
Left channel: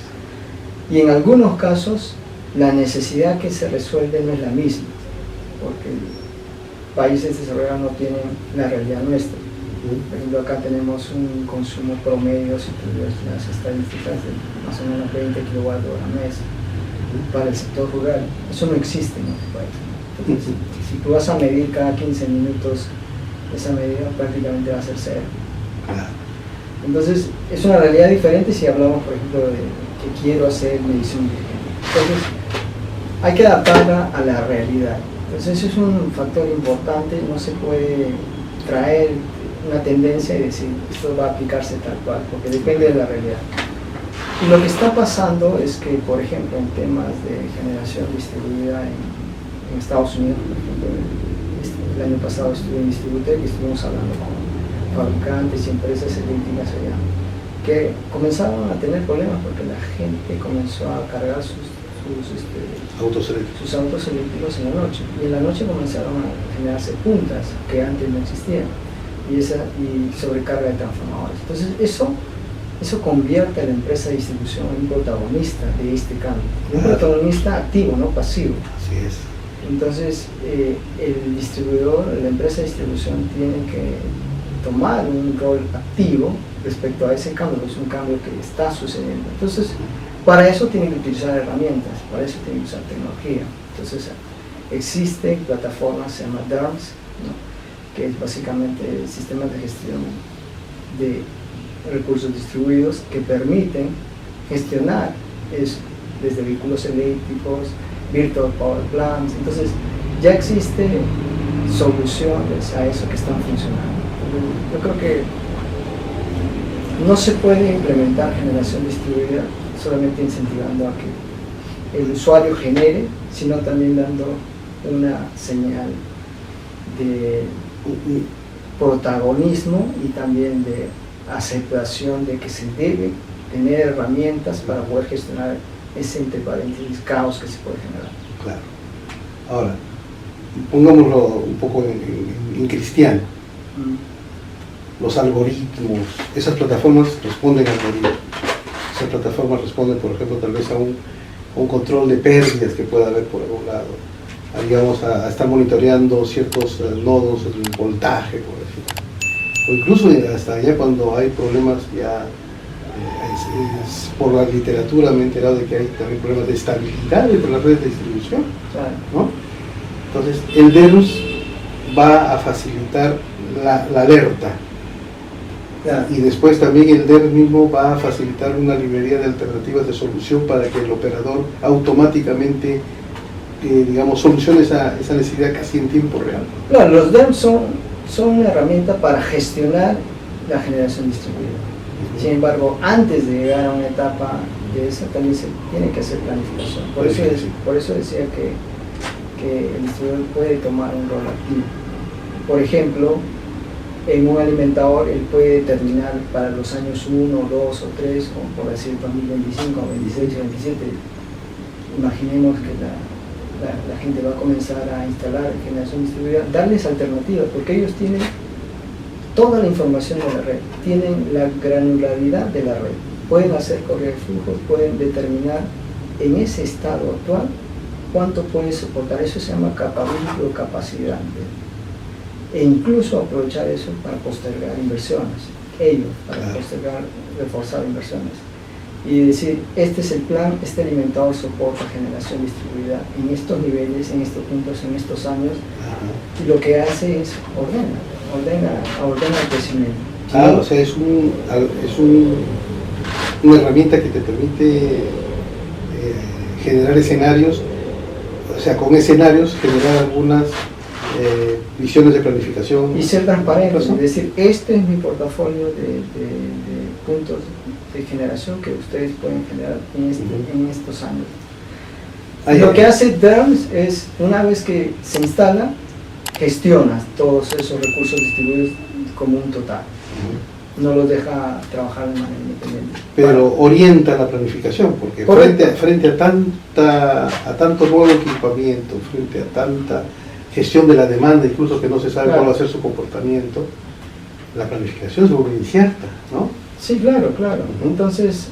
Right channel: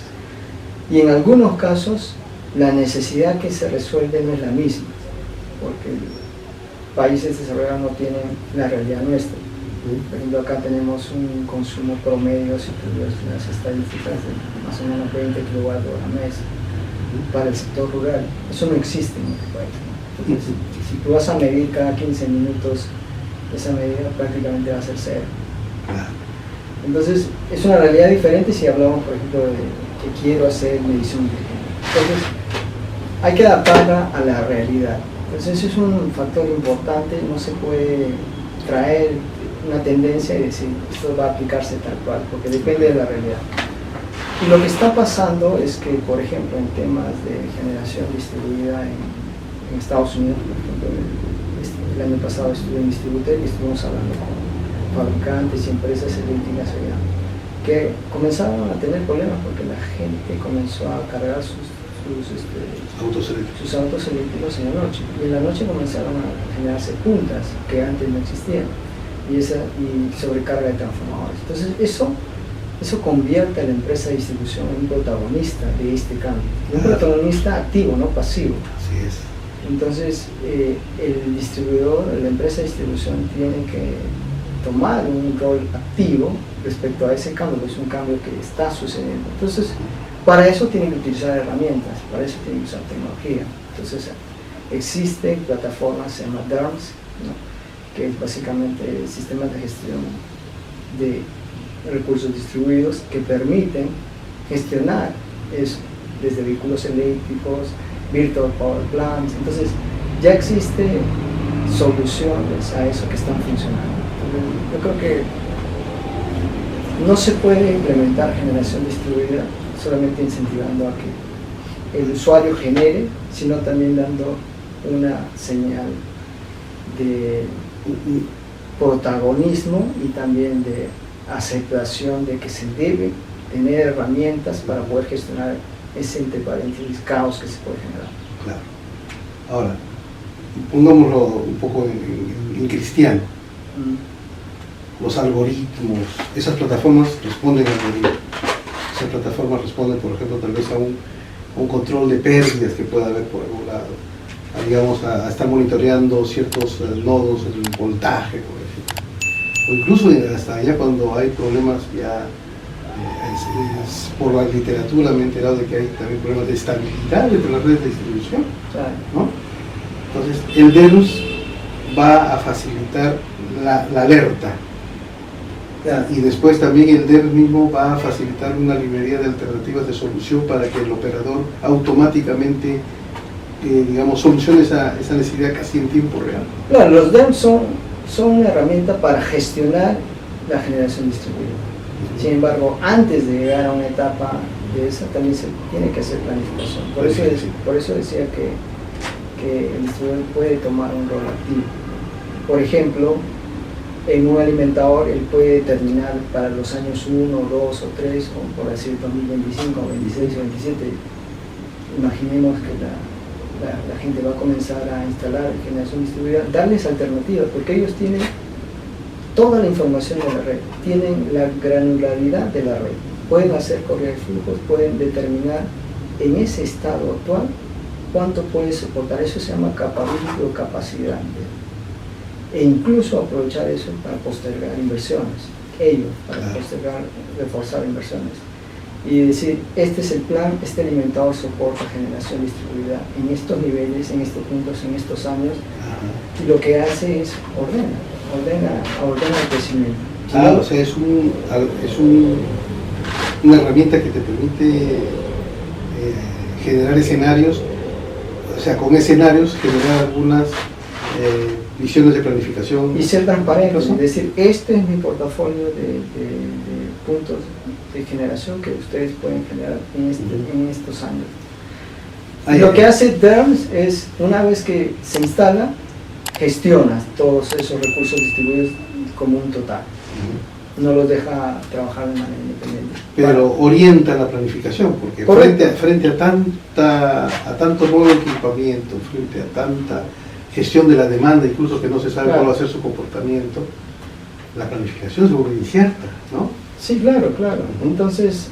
Y en algunos casos la necesidad que se resuelve no es la misma, porque países desarrollados no tienen la realidad nuestra. Por ejemplo, acá tenemos un consumo promedio, si tú ves las estadísticas, de más o menos 20 kilovatios a mes para el sector rural. Eso no existe en este país. Entonces, si tú vas a medir cada 15 minutos, esa medida prácticamente va a ser cero. Entonces, es una realidad diferente si hablamos, por ejemplo, de que quiero hacer medición inteligente. Entonces, hay que adaptarla a la realidad. Entonces, eso es un factor importante, no se puede traer una tendencia y decir, esto va a aplicarse tal cual, porque depende de la realidad. Y lo que está pasando es que, por ejemplo, en temas de generación distribuida en Estados Unidos, por ejemplo, el año pasado estuve en Distributel y estuvimos hablando con fabricantes y empresas eléctricas allá, que comenzaron a tener problemas porque la gente comenzó a cargar sus autos eléctricos en la noche, y en la noche comenzaron a generarse puntas que antes no existían, y sobrecarga de transformadores. Entonces eso convierte a la empresa de distribución en un protagonista de este cambio, un protagonista activo, no pasivo. Así es. Entonces el distribuidor, la empresa de distribución tiene que tomar un rol activo respecto a ese cambio, que es un cambio que está sucediendo. Entonces, para eso tienen que utilizar herramientas, para eso tienen que usar tecnología. Entonces, existen plataformas, se llama DERMS, ¿no? Que es básicamente sistemas de gestión de recursos distribuidos que permiten gestionar eso, desde vehículos eléctricos, virtual power plants. Entonces, ya existen soluciones a eso que están funcionando. Entonces, yo creo que no se puede implementar generación distribuida solamente incentivando a que el usuario genere, sino también dando una señal de protagonismo y también de aceptación de que se debe tener herramientas para poder gestionar ese, entre paréntesis, caos que se puede generar. Claro. Ahora, pongámoslo un poco en cristiano. Los algoritmos, esas plataformas responden a algoritmos. Esas plataformas responden, por ejemplo, tal vez a un control de pérdidas que pueda haber por algún lado. Digamos, a estar monitoreando ciertos nodos, el voltaje, por ejemplo. O incluso hasta ya cuando hay problemas, ya por la literatura me he enterado de que hay también problemas de estabilidad de las redes de distribución, ¿no? Entonces, el DERMS va a facilitar la alerta. Y después también el DERMS mismo va a facilitar una librería de alternativas de solución para que el operador automáticamente digamos, solucione esa necesidad casi en tiempo real. Claro, los DERMS son una herramienta para gestionar la generación distribuida. Sin embargo, antes de llegar a una etapa de esa, también se tiene que hacer planificación. Por eso decía que el distribuidor puede tomar un rol activo. Por ejemplo, en un alimentador él puede determinar para los años 1, 2 o 3, o por decir 2025, 26 o 27, imaginemos que la gente va a comenzar a instalar generación distribuida, darles alternativas, porque ellos tienen toda la información de la red, tienen la granularidad de la red, pueden hacer correr flujos, pueden determinar en ese estado actual cuánto puede soportar. Eso se llama capability o capacidad, e incluso aprovechar eso para postergar inversiones, para postergar, reforzar inversiones, y decir, este es el plan, este alimentador soporta generación distribuida en estos niveles, en estos puntos, en estos años, y lo que hace es ordena el crecimiento. O sea, es una herramienta que te permite generar escenarios, o sea, con escenarios generar algunas visiones de planificación. Y ser transparentes, es decir, este es mi portafolio de puntos de generación que ustedes pueden generar en estos años. Lo que hace DERMS es, una vez que se instala, gestiona todos esos recursos distribuidos como un total. No los deja trabajar de manera independiente. Pero orienta la planificación, porque frente a tanto nuevo equipamiento, frente a tanta gestión de la demanda, incluso que no se sabe cuál va a ser su comportamiento, la planificación es muy incierta, ¿no? Sí, claro. Entonces,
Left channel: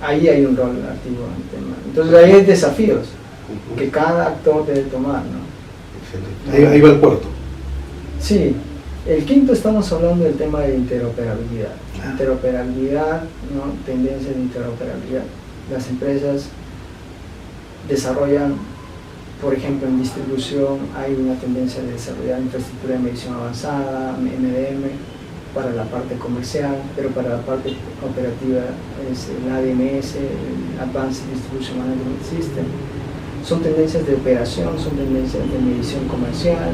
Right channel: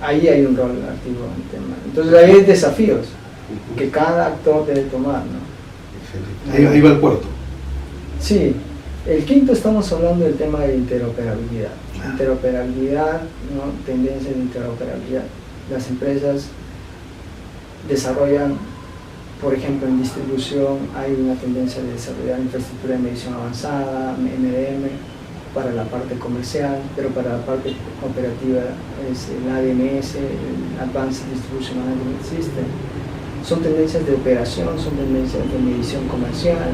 ahí hay un rol activo en el tema. Entonces, ahí hay desafíos que cada actor debe tomar, ¿no? Ahí va el cuarto. Sí, el quinto estamos hablando del tema de interoperabilidad. Interoperabilidad, ¿no? Tendencia de interoperabilidad. Las empresas desarrollan, por ejemplo, en distribución hay una tendencia de desarrollar infraestructura de medición avanzada, MDM, para la parte comercial, pero para la parte operativa es el ADMS, el Advanced Distribution Management System. Son tendencias de operación, son tendencias de medición comercial.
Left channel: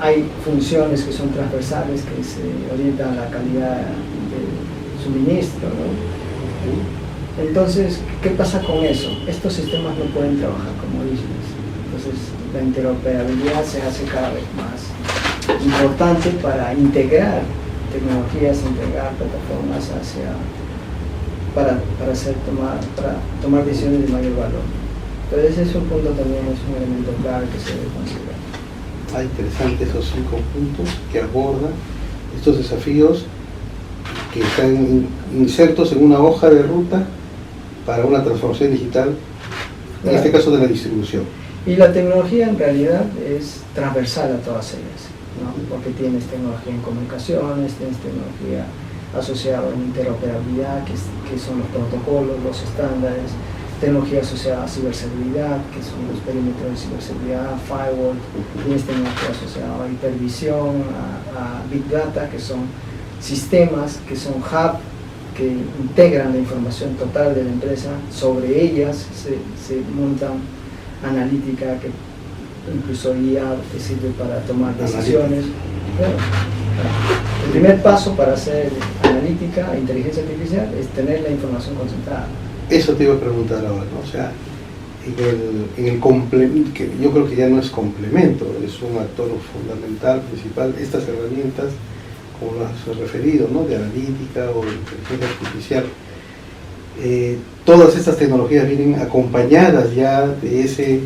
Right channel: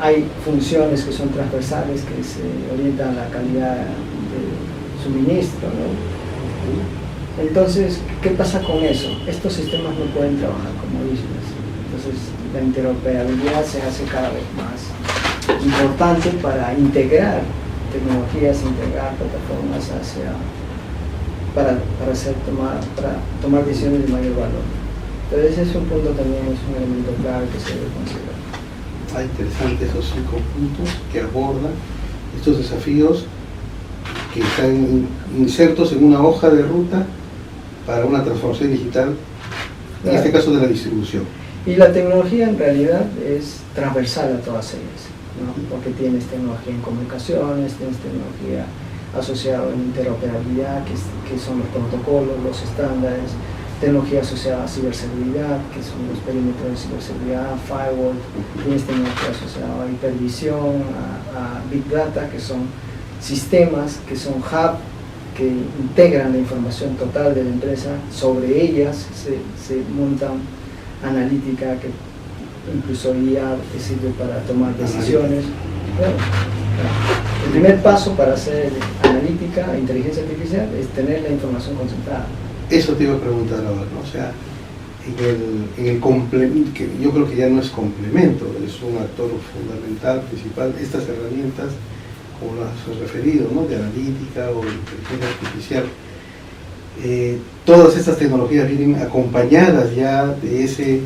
Hay funciones que son transversales, que se orientan a la calidad de suministro, ¿no? Entonces, ¿qué pasa con eso? Estos sistemas no pueden trabajar como islas. Entonces la interoperabilidad se hace cada vez más importante para integrar tecnologías, integrar plataformas para tomar decisiones de mayor valor. Entonces ese es un punto también, es un elemento clave que se debe considerar. Interesante esos 5 puntos que abordan estos desafíos que están insertos en una hoja de ruta para una transformación digital, en este caso de la distribución. Y la tecnología en realidad es transversal a todas ellas, ¿no? Porque tienes tecnología en comunicaciones, tienes tecnología asociada a interoperabilidad, que son los protocolos, los estándares, tecnología asociada a ciberseguridad, que son los perímetros de ciberseguridad, firewall, tienes tecnología asociada a hipervisión, a big data, que son sistemas, que son hub, que integran la información total de la empresa, sobre ellas se montan analítica, que incluso IA, que sirve para tomar decisiones. Bueno, el primer paso para hacer analítica e inteligencia artificial es tener la información concentrada. Eso te iba a preguntar ahora, ¿no? O sea, en el complemento, que yo creo que ya no es complemento, es un actor fundamental, principal, estas herramientas, como las has referido, ¿no? De analítica o de inteligencia artificial. Todas estas tecnologías vienen acompañadas ya de ese,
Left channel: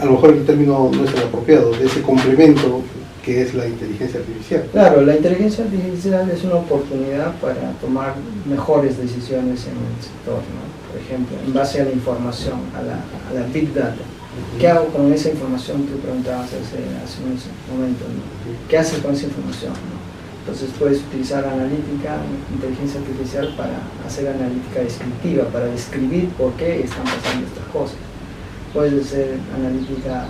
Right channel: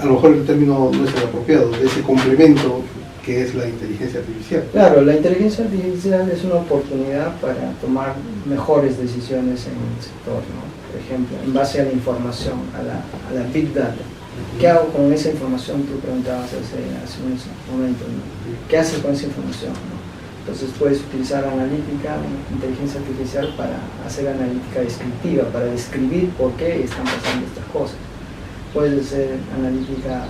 a lo mejor el término no es el apropiado, de ese complemento que es la inteligencia artificial. Claro, la inteligencia artificial es una oportunidad para tomar mejores decisiones en el sector, ¿no? Por ejemplo, en base a la información, a la big data. ¿Qué hago con esa información? Tú preguntabas hace un momento, ¿no? ¿Qué haces con esa información, no? Entonces puedes utilizar analítica, inteligencia artificial para hacer analítica descriptiva, para describir por qué están pasando estas cosas. Puedes hacer analítica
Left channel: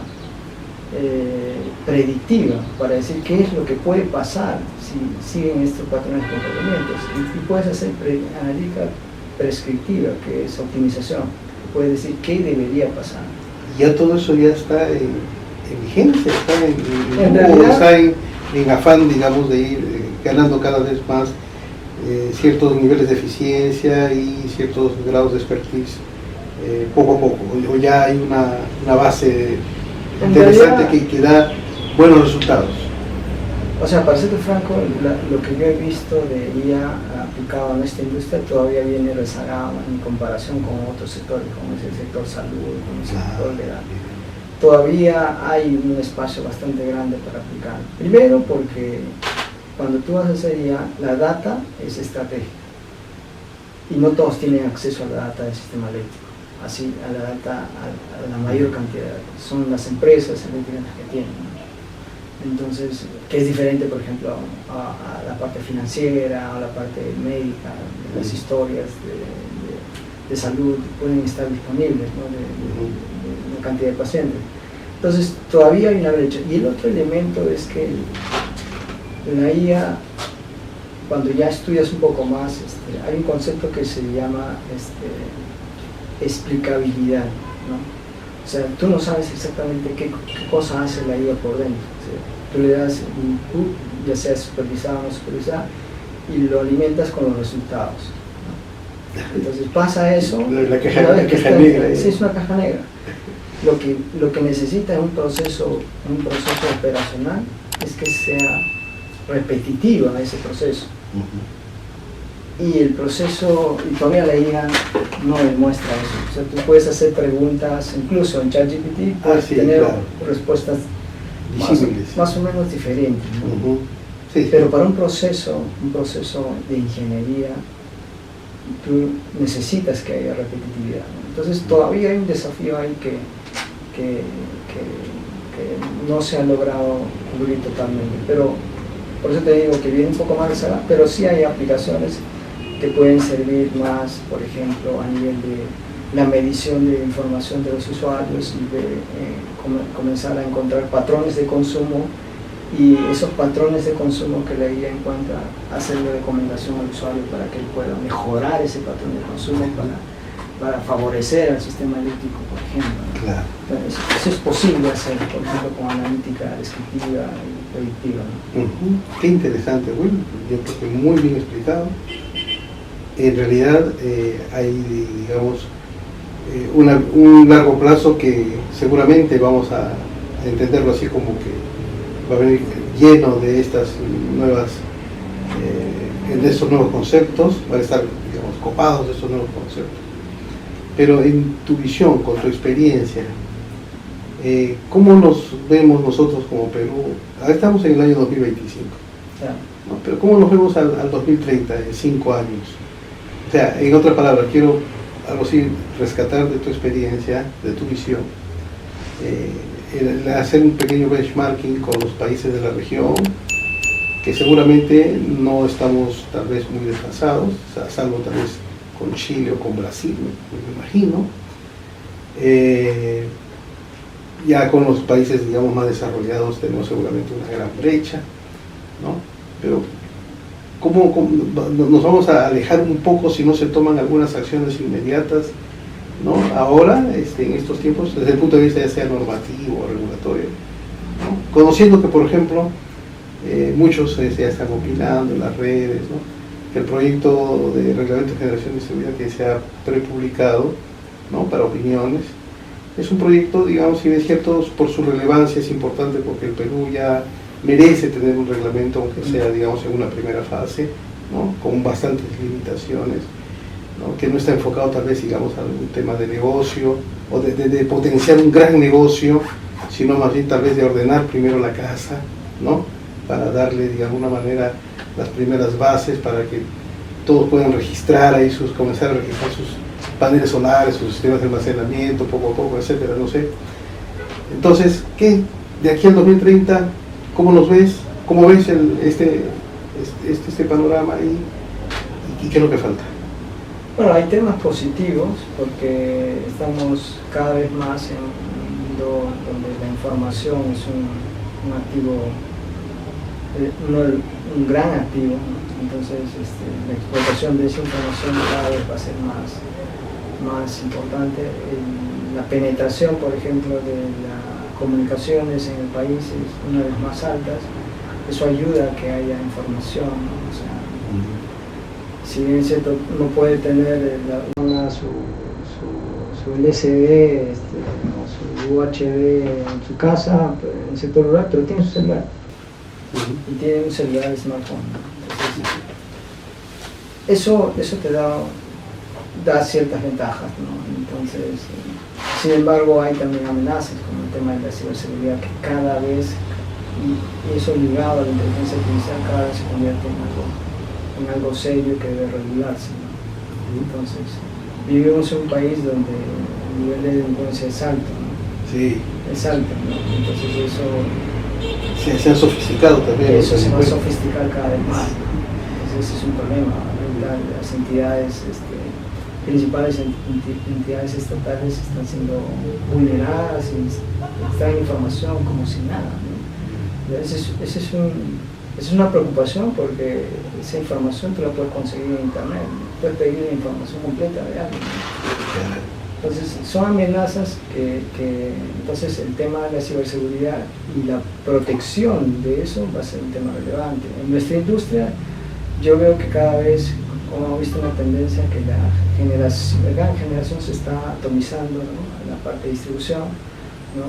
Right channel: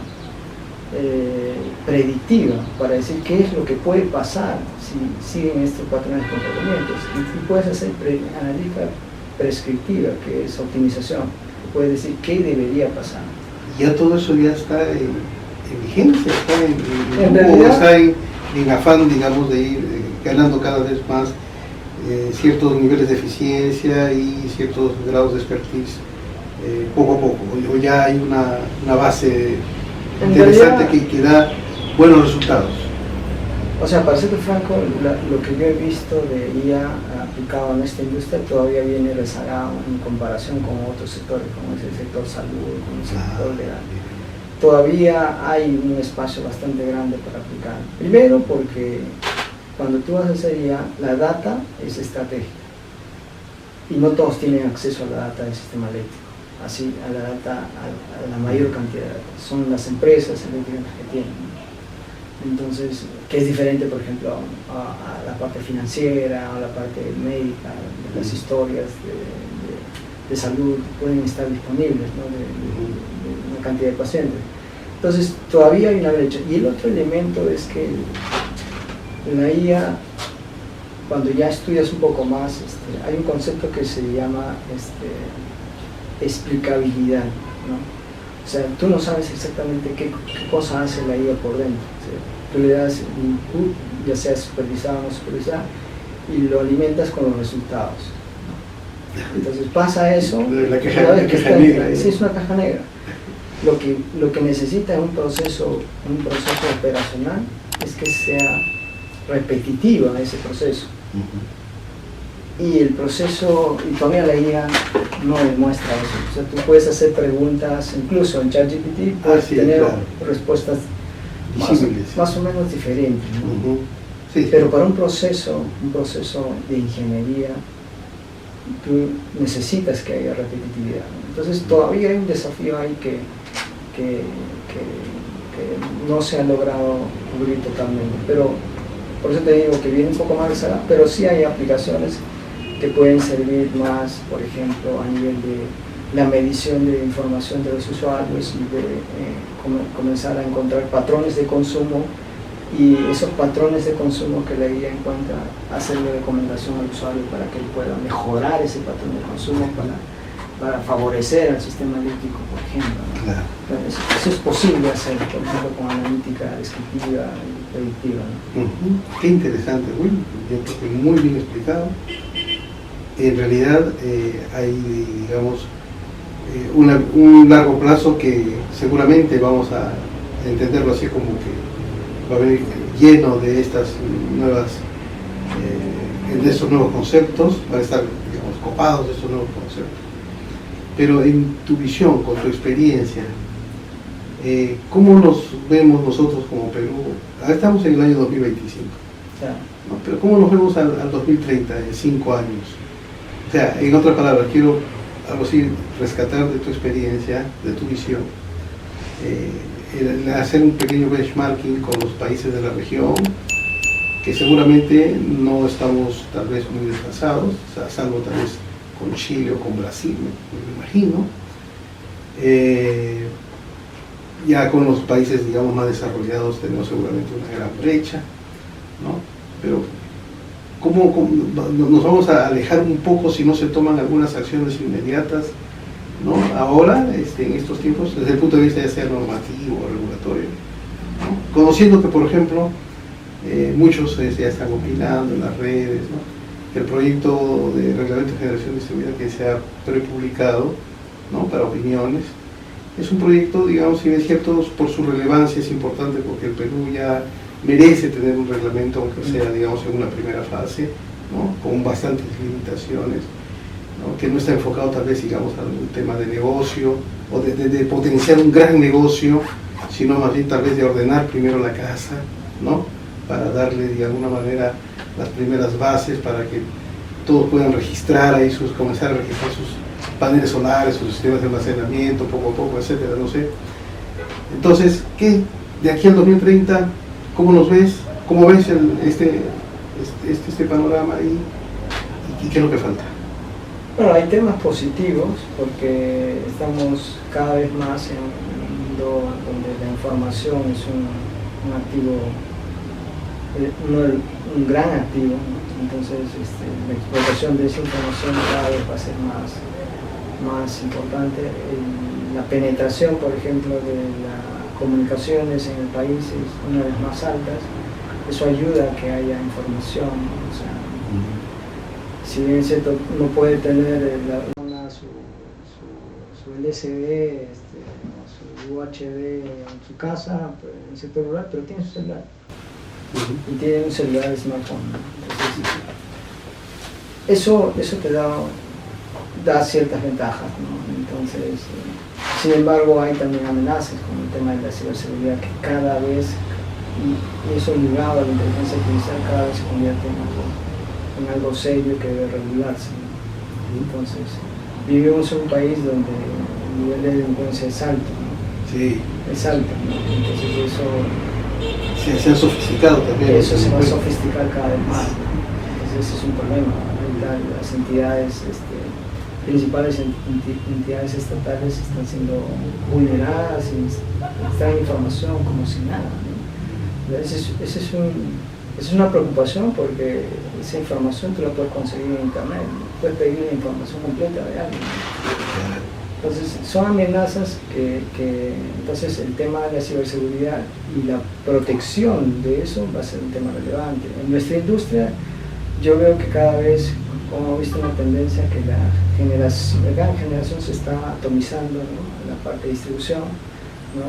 predictiva, para decir qué es lo que puede pasar si siguen estos patrones de comportamientos. Y puedes hacer analítica prescriptiva, que es optimización, que puede decir qué debería pasar. Ya todo eso ya está en vigencia, está en realidad, está en afán, digamos, de ir ganando cada vez más ciertos niveles de eficiencia y ciertos grados de expertise poco a poco, o ya hay una base interesante que da buenos resultados. O sea, para ser franco, lo que yo he visto de IA aplicado en esta industria todavía viene rezagado en comparación con otros sectores, como es el sector salud, como es el sector legal. Todavía hay un espacio bastante grande para aplicar. Primero porque cuando tú vas a hacer IA, la data es estratégica y no todos tienen acceso a la data del sistema eléctrico, así a la data, a la mayor cantidad de datos. Son las empresas eléctricas las que tienen, ¿no? Entonces, que es diferente, por ejemplo, a la parte financiera, a la parte médica, las historias de salud pueden estar disponibles, ¿no? de una cantidad de pacientes. Entonces, todavía hay una brecha. Y el otro elemento es que la IA, cuando ya estudias un poco más, hay un concepto que se llama explicabilidad, ¿no? O sea, tú no sabes exactamente qué cosa hace la IA por dentro, ¿sí? Tú le das input, ya sea supervisado o no supervisado, y lo alimentas con los resultados, ¿no? Entonces pasa eso, una vez que está negra, sí, es una caja negra. Lo que necesita un proceso operacional es que sea repetitivo ese proceso. Y el proceso, y todavía la IA no demuestra eso. O sea, tú puedes hacer preguntas, incluso en ChatGPT puedes tener respuestas más o menos diferentes, ¿no? Sí. Pero para un proceso de ingeniería, tú necesitas que haya repetitividad, ¿no? Entonces todavía hay un desafío ahí que no se ha logrado cubrir totalmente. Pero por eso te digo que viene un poco más rezagada, pero sí hay aplicaciones que pueden servir más, por ejemplo, a nivel de la medición de información de los usuarios y de comenzar a encontrar patrones de consumo, y esos patrones de consumo que la IA encuentra, hacerle recomendación al usuario para que él pueda mejorar ese patrón de consumo para favorecer al sistema eléctrico, por ejemplo, ¿no? Claro. Bueno, eso es posible hacer, por ejemplo, con analítica descriptiva y predictiva, ¿no? Qué interesante, bueno, yo creo que muy bien explicado. En realidad hay, digamos, un largo plazo que seguramente vamos a entenderlo así como que va a venir lleno de estas nuevas, de estos nuevos conceptos, va a estar, digamos, copados de estos nuevos conceptos. Pero en tu visión, con tu experiencia, ¿cómo nos vemos nosotros como Perú? Ahora estamos en el año 2025, ¿no? Pero ¿cómo nos vemos al 2030, en 5 años? O sea, en otras palabras, quiero algo así rescatar de tu experiencia, de tu visión, hacer un pequeño benchmarking con los países de la región, que seguramente no estamos tal vez muy descansados, salvo tal vez con Chile o con Brasil, me imagino. Ya con los países, digamos, más desarrollados tenemos seguramente una gran brecha, ¿no? Pero ¿cómo nos vamos a alejar un poco si no se toman algunas acciones inmediatas, ¿no? Ahora, en estos tiempos, desde el punto de vista ya sea normativo o regulatorio, ¿no? Conociendo que, por ejemplo, muchos ya están opinando en las redes, ¿no? El proyecto de reglamento de generación de seguridad que se ha prepublicado, ¿no? Para opiniones, es un proyecto, digamos, si bien es cierto, por su relevancia es importante porque el Perú ya merece tener un reglamento, aunque sea, digamos, en una primera fase, ¿no? Con bastantes limitaciones, ¿no? Que no está enfocado tal vez, digamos, a un tema de negocio o de potenciar un gran negocio, sino más bien tal vez de ordenar primero la casa, ¿no? Para darle de alguna manera las primeras bases para que todos puedan registrar ahí comenzar a registrar sus paneles solares, sus sistemas de almacenamiento, poco a poco, etcétera, no sé. Entonces, ¿qué? De aquí al 2030, ¿cómo nos ves? ¿Cómo ves este panorama y qué es lo que falta? Bueno, hay temas positivos porque estamos cada vez más en un mundo donde la información es un activo, un gran activo, ¿no? Entonces la explotación de esa información cada vez va a ser más importante. La penetración, por ejemplo, de las comunicaciones en el país es una vez más altas. Eso ayuda a que haya información, ¿no? O sea, si bien es cierto, no puede tener su LCD, su UHD en su casa, en el sector rural, pero tiene su celular. Y tiene un celular smartphone. Entonces, eso te da ciertas ventajas, ¿no? Entonces, sin embargo, hay también amenazas como el tema de la ciberseguridad, que cada vez, y eso ligado a la inteligencia artificial, cada vez se convierte en algo serio que debe regularse, ¿no? Entonces, vivimos en un país donde el nivel de delincuencia es alto, ¿no? Sí. Es alto, ¿no? Entonces eso se ha sofisticado también. Eso se va a sofisticar cada vez más, ¿no? Entonces ese es un problema. Las entidades, principales entidades estatales están siendo vulneradas y extraen información como si nada, ¿no? Esa es una preocupación porque esa información tú la puedes conseguir en internet, puedes pedir la información completa de alguien, ¿no? Entonces son amenazas que entonces el tema de la ciberseguridad y la protección de eso va a ser un tema relevante. En nuestra industria yo veo que cada vez, como he visto una tendencia, que la gran generación se está atomizando, ¿no? La parte de distribución, ¿no?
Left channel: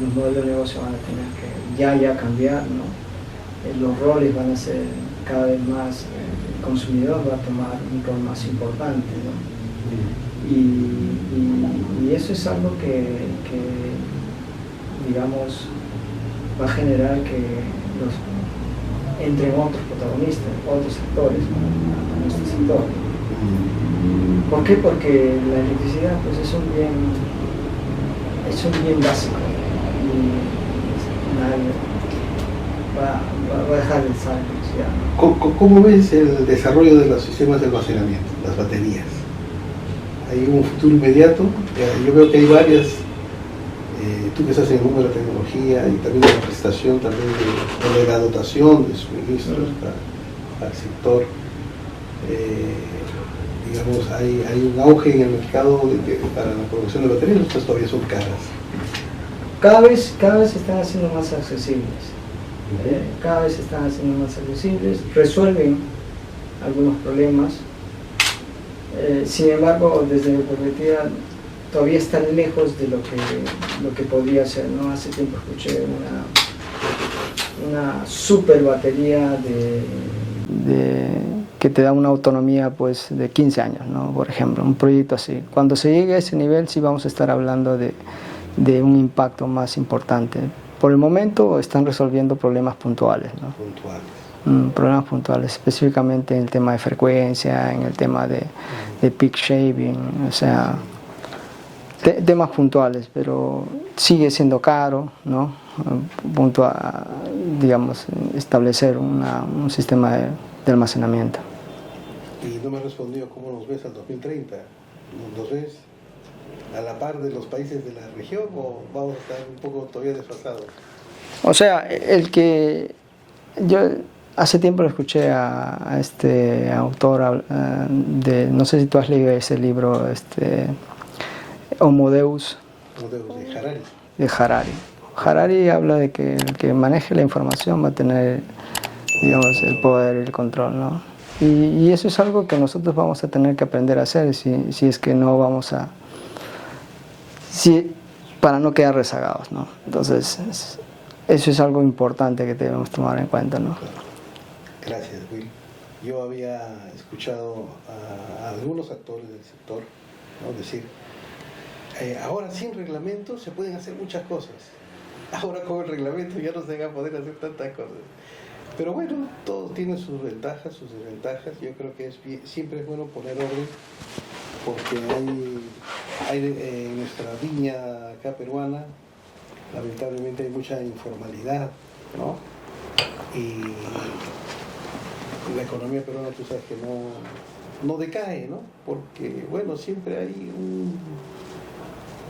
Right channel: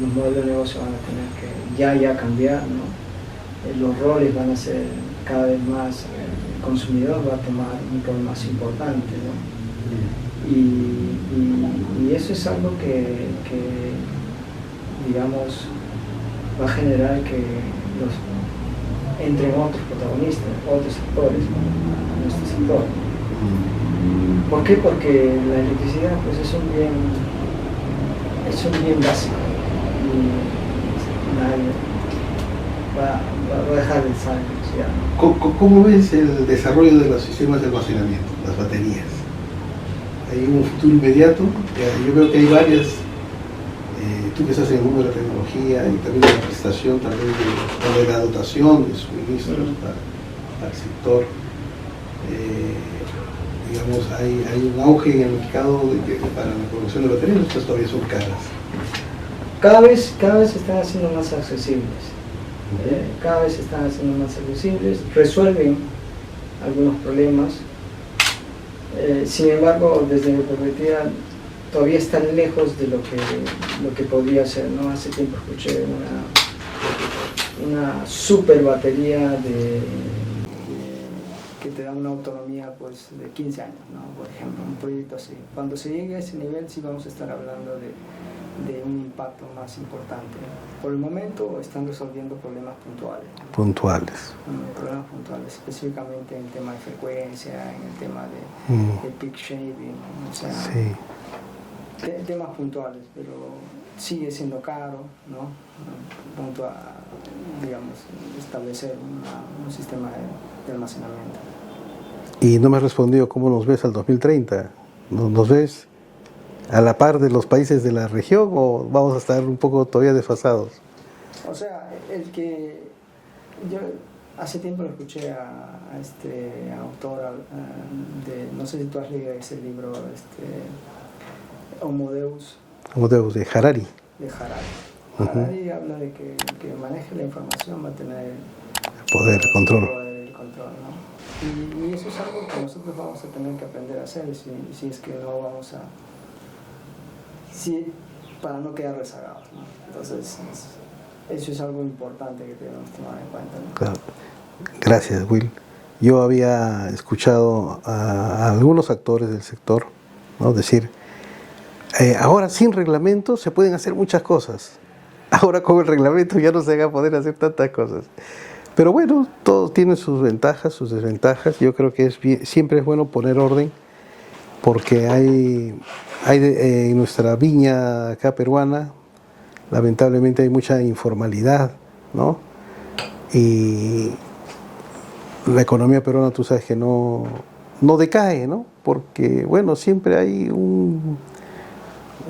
Los modelos de negocio van a tener que ya cambiar, ¿no? Los roles van a ser cada vez más, el consumidor va a tomar un rol más importante, ¿no? Y eso es algo que digamos va a generar que entren otros protagonistas, otros actores, ¿no? En este sector. ¿Por qué? Porque la electricidad pues es un bien básico y nadie va a dejar de usar electricidad. ¿Cómo ves el desarrollo de los sistemas de almacenamiento, las baterías? ¿Hay un futuro inmediato? Yo creo que hay varias, tú que estás en el mundo de la tecnología y también de la prestación, también de la dotación de suministros al sector. Digamos, hay un auge en el mercado para la producción de baterías, estas todavía son caras. Cada vez se están haciendo más accesibles. Cada vez se están haciendo más accesibles, resuelven algunos problemas. Sin embargo, desde mi perspectiva, todavía están lejos de lo que podría ser, ¿no? Hace tiempo escuché una super batería que te da una autonomía pues de 15 años, ¿no? Por ejemplo, un proyecto así. Cuando se llegue a ese nivel sí vamos a estar hablando de un impacto más importante. Por el momento están resolviendo problemas puntuales, ¿no? Puntuales. Problemas puntuales, específicamente en el tema de frecuencia, en el tema de peak shaving, o sea, sí. Temas puntuales, pero sigue siendo caro, ¿no? Punto a, digamos, establecer un sistema de almacenamiento. Y no me has respondido cómo nos ves al 2030. ¿Nos ves a la par de los países de la región o vamos a estar un poco todavía desfasados? O sea, yo hace tiempo lo escuché a este autor no sé si tú has leído ese libro, Homo Deus. Homo Deus, de Harari. De Harari. Harari habla de que el que maneje la información va a tener el poder y el control, ¿no? Y eso es algo que nosotros vamos a tener que aprender a hacer si es que no vamos a... para no quedar rezagados, ¿no? Entonces, eso es algo importante que debemos tomar en cuenta, ¿no? Claro. Gracias, Will. Yo había escuchado a algunos actores del sector, ¿no? Decir, ahora sin reglamento se pueden hacer muchas cosas. Ahora con el reglamento ya no se va a poder hacer tantas cosas. Pero bueno, todo tiene sus ventajas, sus desventajas. Yo creo que siempre es bueno poner orden, porque hay en nuestra viña acá peruana, lamentablemente hay mucha informalidad, ¿no? Y la economía peruana, tú sabes que no decae, ¿no? Porque, bueno, siempre hay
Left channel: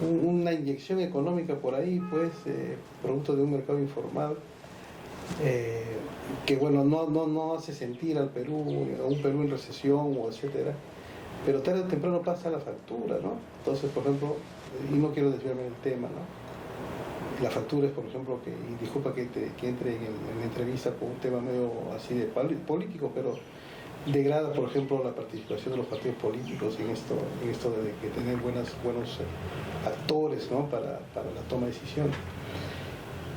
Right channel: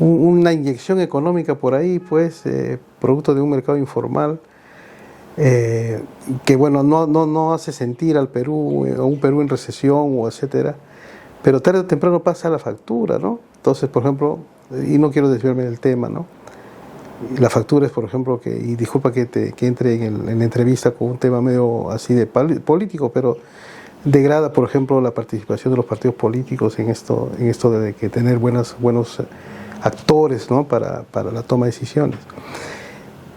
una inyección económica por ahí, pues, producto de un mercado informal, que, bueno, no hace sentir al Perú, a un Perú en recesión o etcétera, pero tarde o temprano pasa la factura, ¿no? Entonces, por ejemplo, y no quiero desviarme del tema, ¿no? La factura es, por ejemplo, y disculpa que entre en la entrevista con un tema medio así de político, pero degrada, por ejemplo, la participación de los partidos políticos en esto de que tener buenos actores, ¿no? para la toma de decisiones.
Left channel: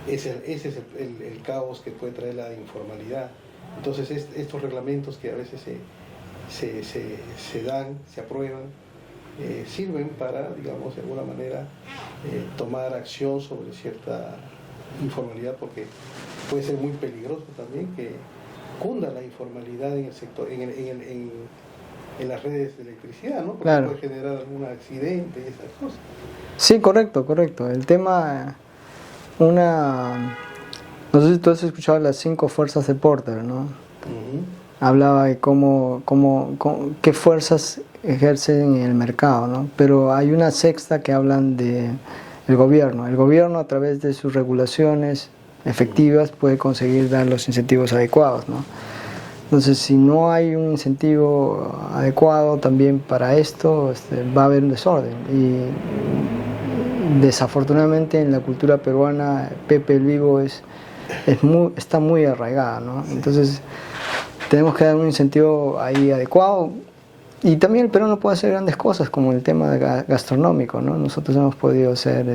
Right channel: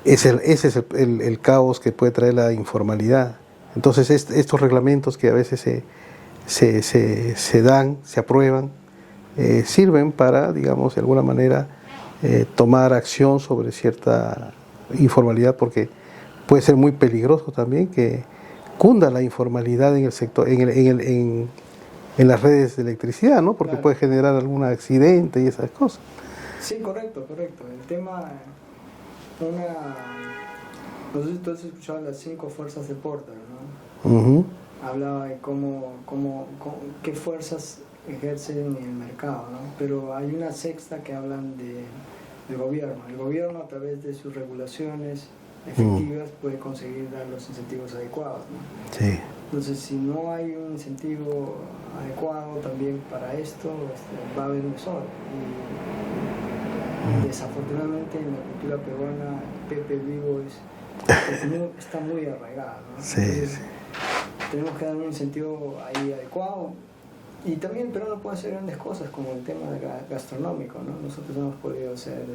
Ese es el caos que puede traer la informalidad. Entonces, estos reglamentos que a veces se dan, se aprueban, sirven para, digamos, de alguna manera tomar acción sobre cierta informalidad, porque puede ser muy peligroso también que cunda la informalidad en el sector, en las redes de electricidad, ¿no? Porque claro, puede generar algún accidente y esas cosas. Sí, correcto. El tema, no sé si tú has escuchado las 5 fuerzas de Porter, ¿no? Uh-huh. Hablaba de qué fuerzas ejercen en el mercado, ¿no? Pero hay una sexta que hablan de el gobierno. El gobierno, a través de sus regulaciones efectivas, puede conseguir dar los incentivos adecuados, ¿no? Sí. Entonces, si no hay un incentivo adecuado también para esto, va a haber un desorden. Y desafortunadamente en la cultura peruana, Pepe el Vivo está muy arraigada, ¿no? Sí. Entonces, tenemos que dar un incentivo ahí adecuado. Y también el Perú no puede hacer grandes cosas como el tema gastronómico, ¿no? Nosotros hemos podido ser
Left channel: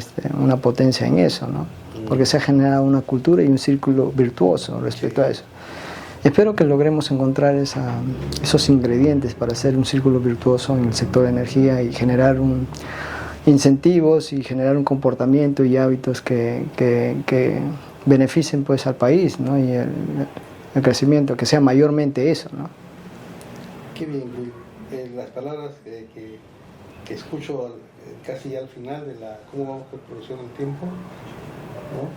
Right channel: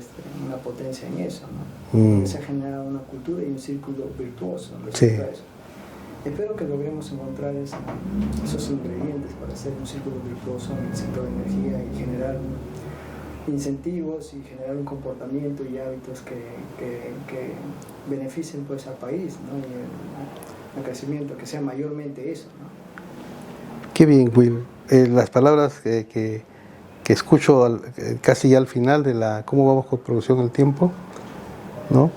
una potencia en eso, ¿no? Porque se ha generado una cultura y un círculo virtuoso respecto a eso. Espero que logremos encontrar esos ingredientes para hacer un círculo virtuoso en el sector de energía y generar incentivos y generar un comportamiento y hábitos que beneficien, pues, al país, ¿no? Y el crecimiento, que sea mayormente eso, ¿no? Qué bien, Will. Las palabras que escucho casi ya al final de cómo vamos con producción el tiempo, ¿no?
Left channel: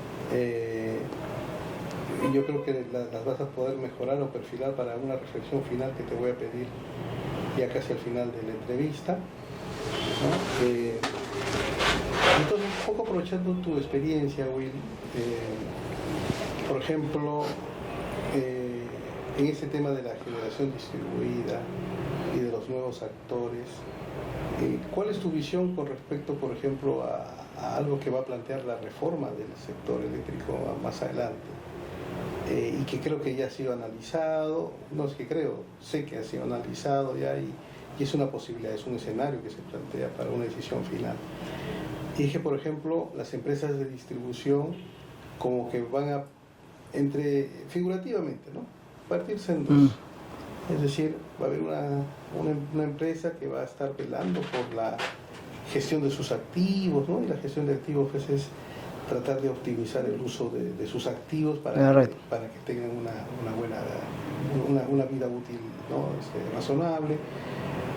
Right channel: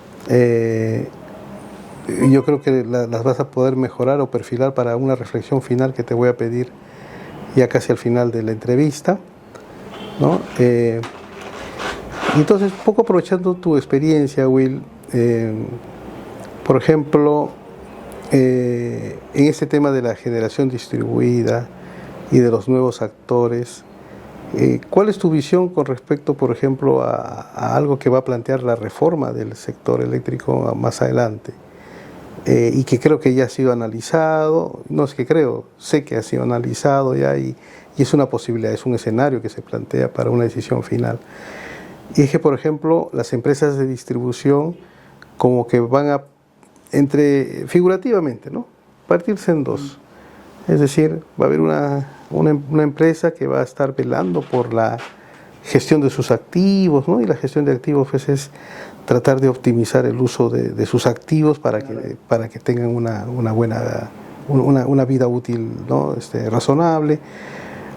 Yo creo que las vas a poder mejorar o perfilar para una reflexión final que te voy a pedir ya casi al final de la entrevista, ¿no? Entonces, un poco aprovechando tu experiencia, Will, por ejemplo, en este tema de la generación distribuida y de los nuevos actores, ¿cuál es tu visión con respecto, por ejemplo, a algo que va a plantear la reforma del sector eléctrico más adelante? Y que creo que ya ha sido analizado, no es que creo, sé que ha sido analizado ya y y es una posibilidad, es un escenario que se plantea para una decisión final. Y es que, por ejemplo, las empresas de distribución como que van a, figurativamente, ¿no?, partirse en dos. Es decir, va a haber una empresa que va a estar velando por la gestión de sus activos, ¿no? Y la gestión de activos, pues, es tratar de optimizar el uso de sus activos para que tengan una buena una vida útil, ¿no?, razonable.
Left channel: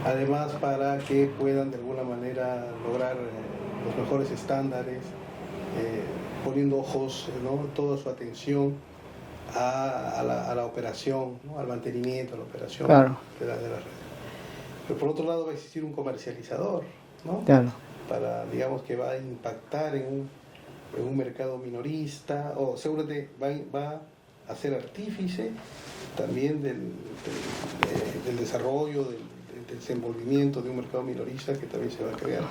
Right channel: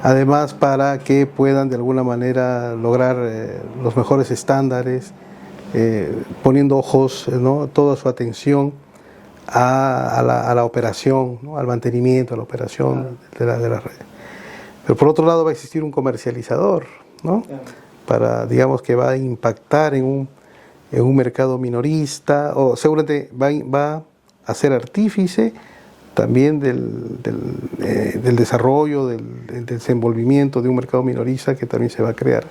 Además, para que puedan de alguna manera lograr los mejores estándares, poniendo ojos, ¿no?, toda su atención a la operación, ¿no?, al mantenimiento, a la operación, claro, de la red. Pero por otro lado va a existir un comercializador, ¿no?, claro, para, digamos, que va a impactar en un mercado minorista, o seguramente va a ser artífice también del desarrollo, del desenvolvimiento de un mercado minorista que también se va a crear.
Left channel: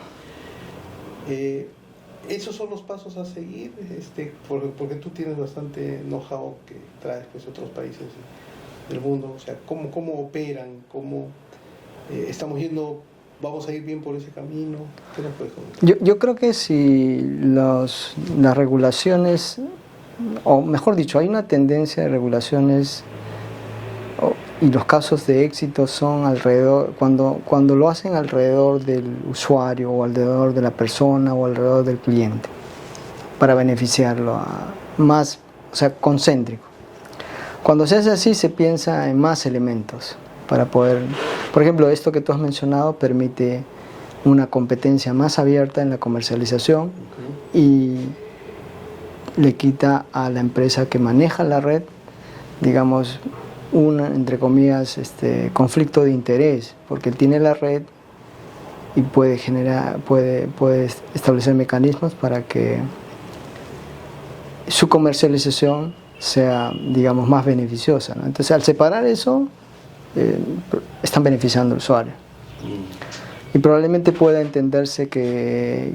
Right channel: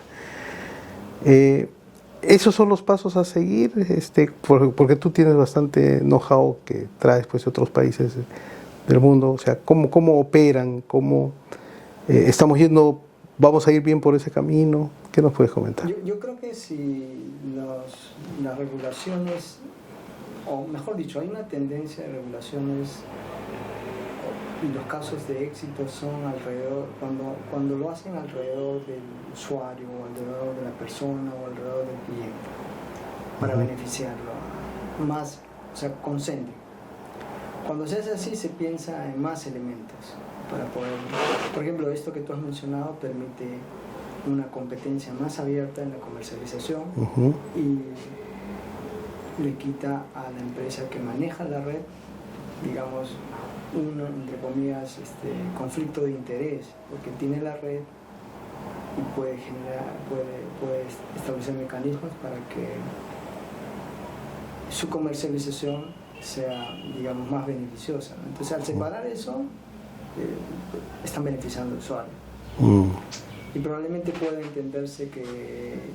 Esos son los pasos a seguir, porque tú tienes bastante know-how que traes, pues, de otros países del mundo. O sea, cómo operan, cómo estamos yendo, vamos a ir bien por ese camino. ¿Qué nos puedes comentar? Yo creo que si las regulaciones, o mejor dicho, hay una tendencia de regulaciones, y los casos de éxito son alrededor, cuando lo hacen alrededor del usuario, o alrededor de la persona, o alrededor del cliente, para beneficiarlo, más, o sea, concéntrico. Cuando se hace así, se piensa en más elementos para poder, por ejemplo, esto que tú has mencionado permite una competencia más abierta en la comercialización, y le quita a la empresa que maneja la red, digamos, entre comillas, conflicto de interés, porque él tiene la red y puede establecer mecanismos para que su comercialización sea, digamos, más beneficiosa, ¿no? Entonces, al separar eso, están beneficiando al usuario. Y probablemente pueda entenderse que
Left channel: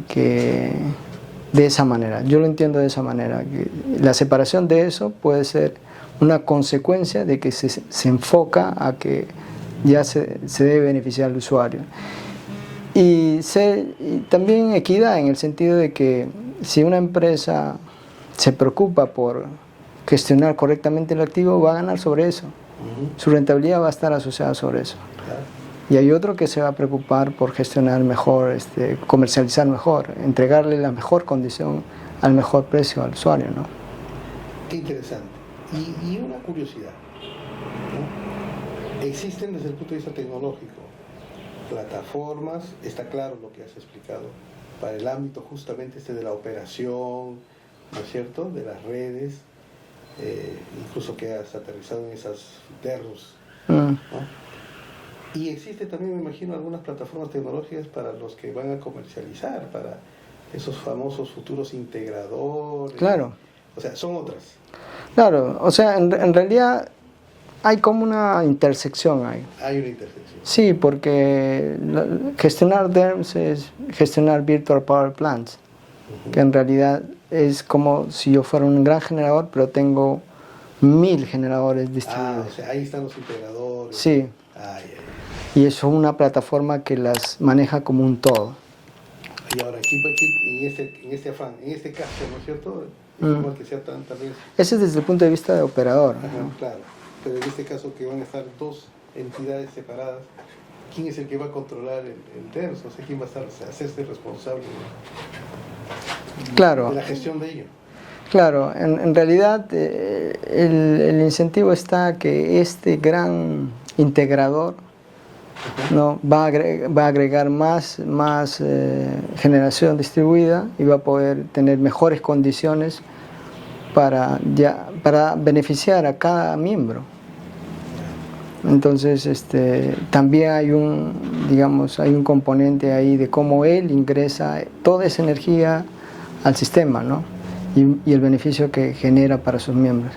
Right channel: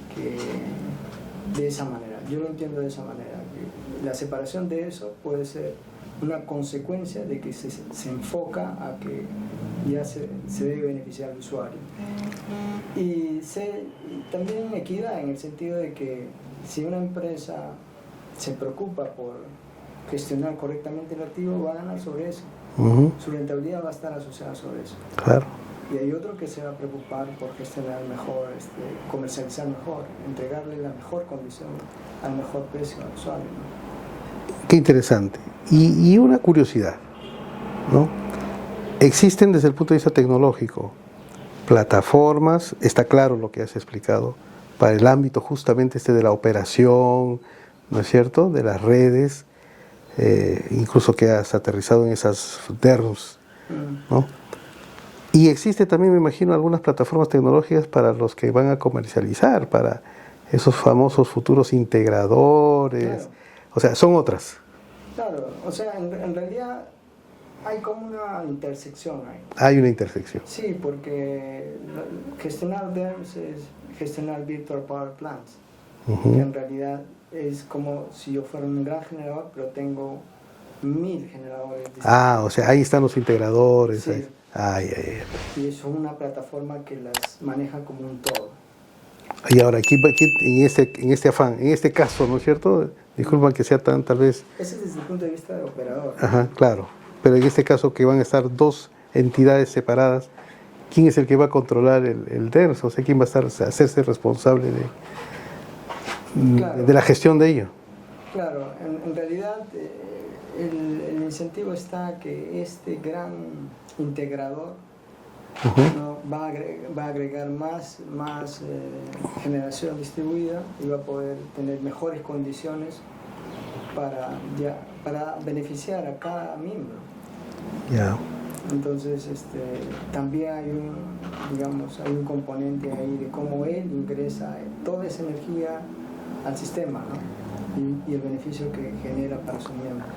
de esa manera, yo lo entiendo de esa manera, que la separación de eso puede ser una consecuencia de que se enfoca a que ya se debe beneficiar al usuario. Y también equidad, en el sentido de que si una empresa se preocupa por gestionar correctamente el activo, va a ganar sobre eso. Su rentabilidad va a estar asociada sobre eso. Claro. Y hay otro que se va a preocupar por gestionar mejor, comercializar mejor, entregarle la mejor condición al mejor precio al usuario, ¿no? Qué interesante. Y una curiosidad, ¿no? Existen, desde el punto de vista tecnológico, plataformas, está claro lo que has explicado, para el ámbito justamente de la operación, ¿no es cierto?, de las redes, incluso que has aterrizado en esas DERMS, ¿no? Y existe también, me imagino, algunas plataformas tecnológicas para los que van a comercializar, para esos famosos futuros integradores. Claro. O sea, son otras. Claro, o sea, en realidad hay como una intersección ahí. Hay una intersección. Sí, porque gestionar DERMS es gestionar Virtual Power Plants, que en realidad es como si yo fuera un gran generador, pero tengo 1000 generadores distribuidos. O sea, ahí están los integradores. Sí. Y eso es una plataforma que las maneja como un todo. Y ahora, aquí en este afán, en este caso, ¿no es cierto? Disculpa que sea tal vez... Ese es desde el punto de vista de operador. Ajá, claro. Pero en este caso que van a estar dos entidades separadas, ¿quién es el que va a controlar el DERMS? O sea, ¿quién va a hacerse responsable de la gestión de ello? Claro, en realidad el incentivo está que este gran integrador ¿no? va a agregar más generación distribuida y va a poder tener mejores condiciones para beneficiar a cada miembro. Entonces también hay un componente ahí de cómo él ingresa toda esa energía al sistema, ¿no? y el beneficio que genera para sus miembros.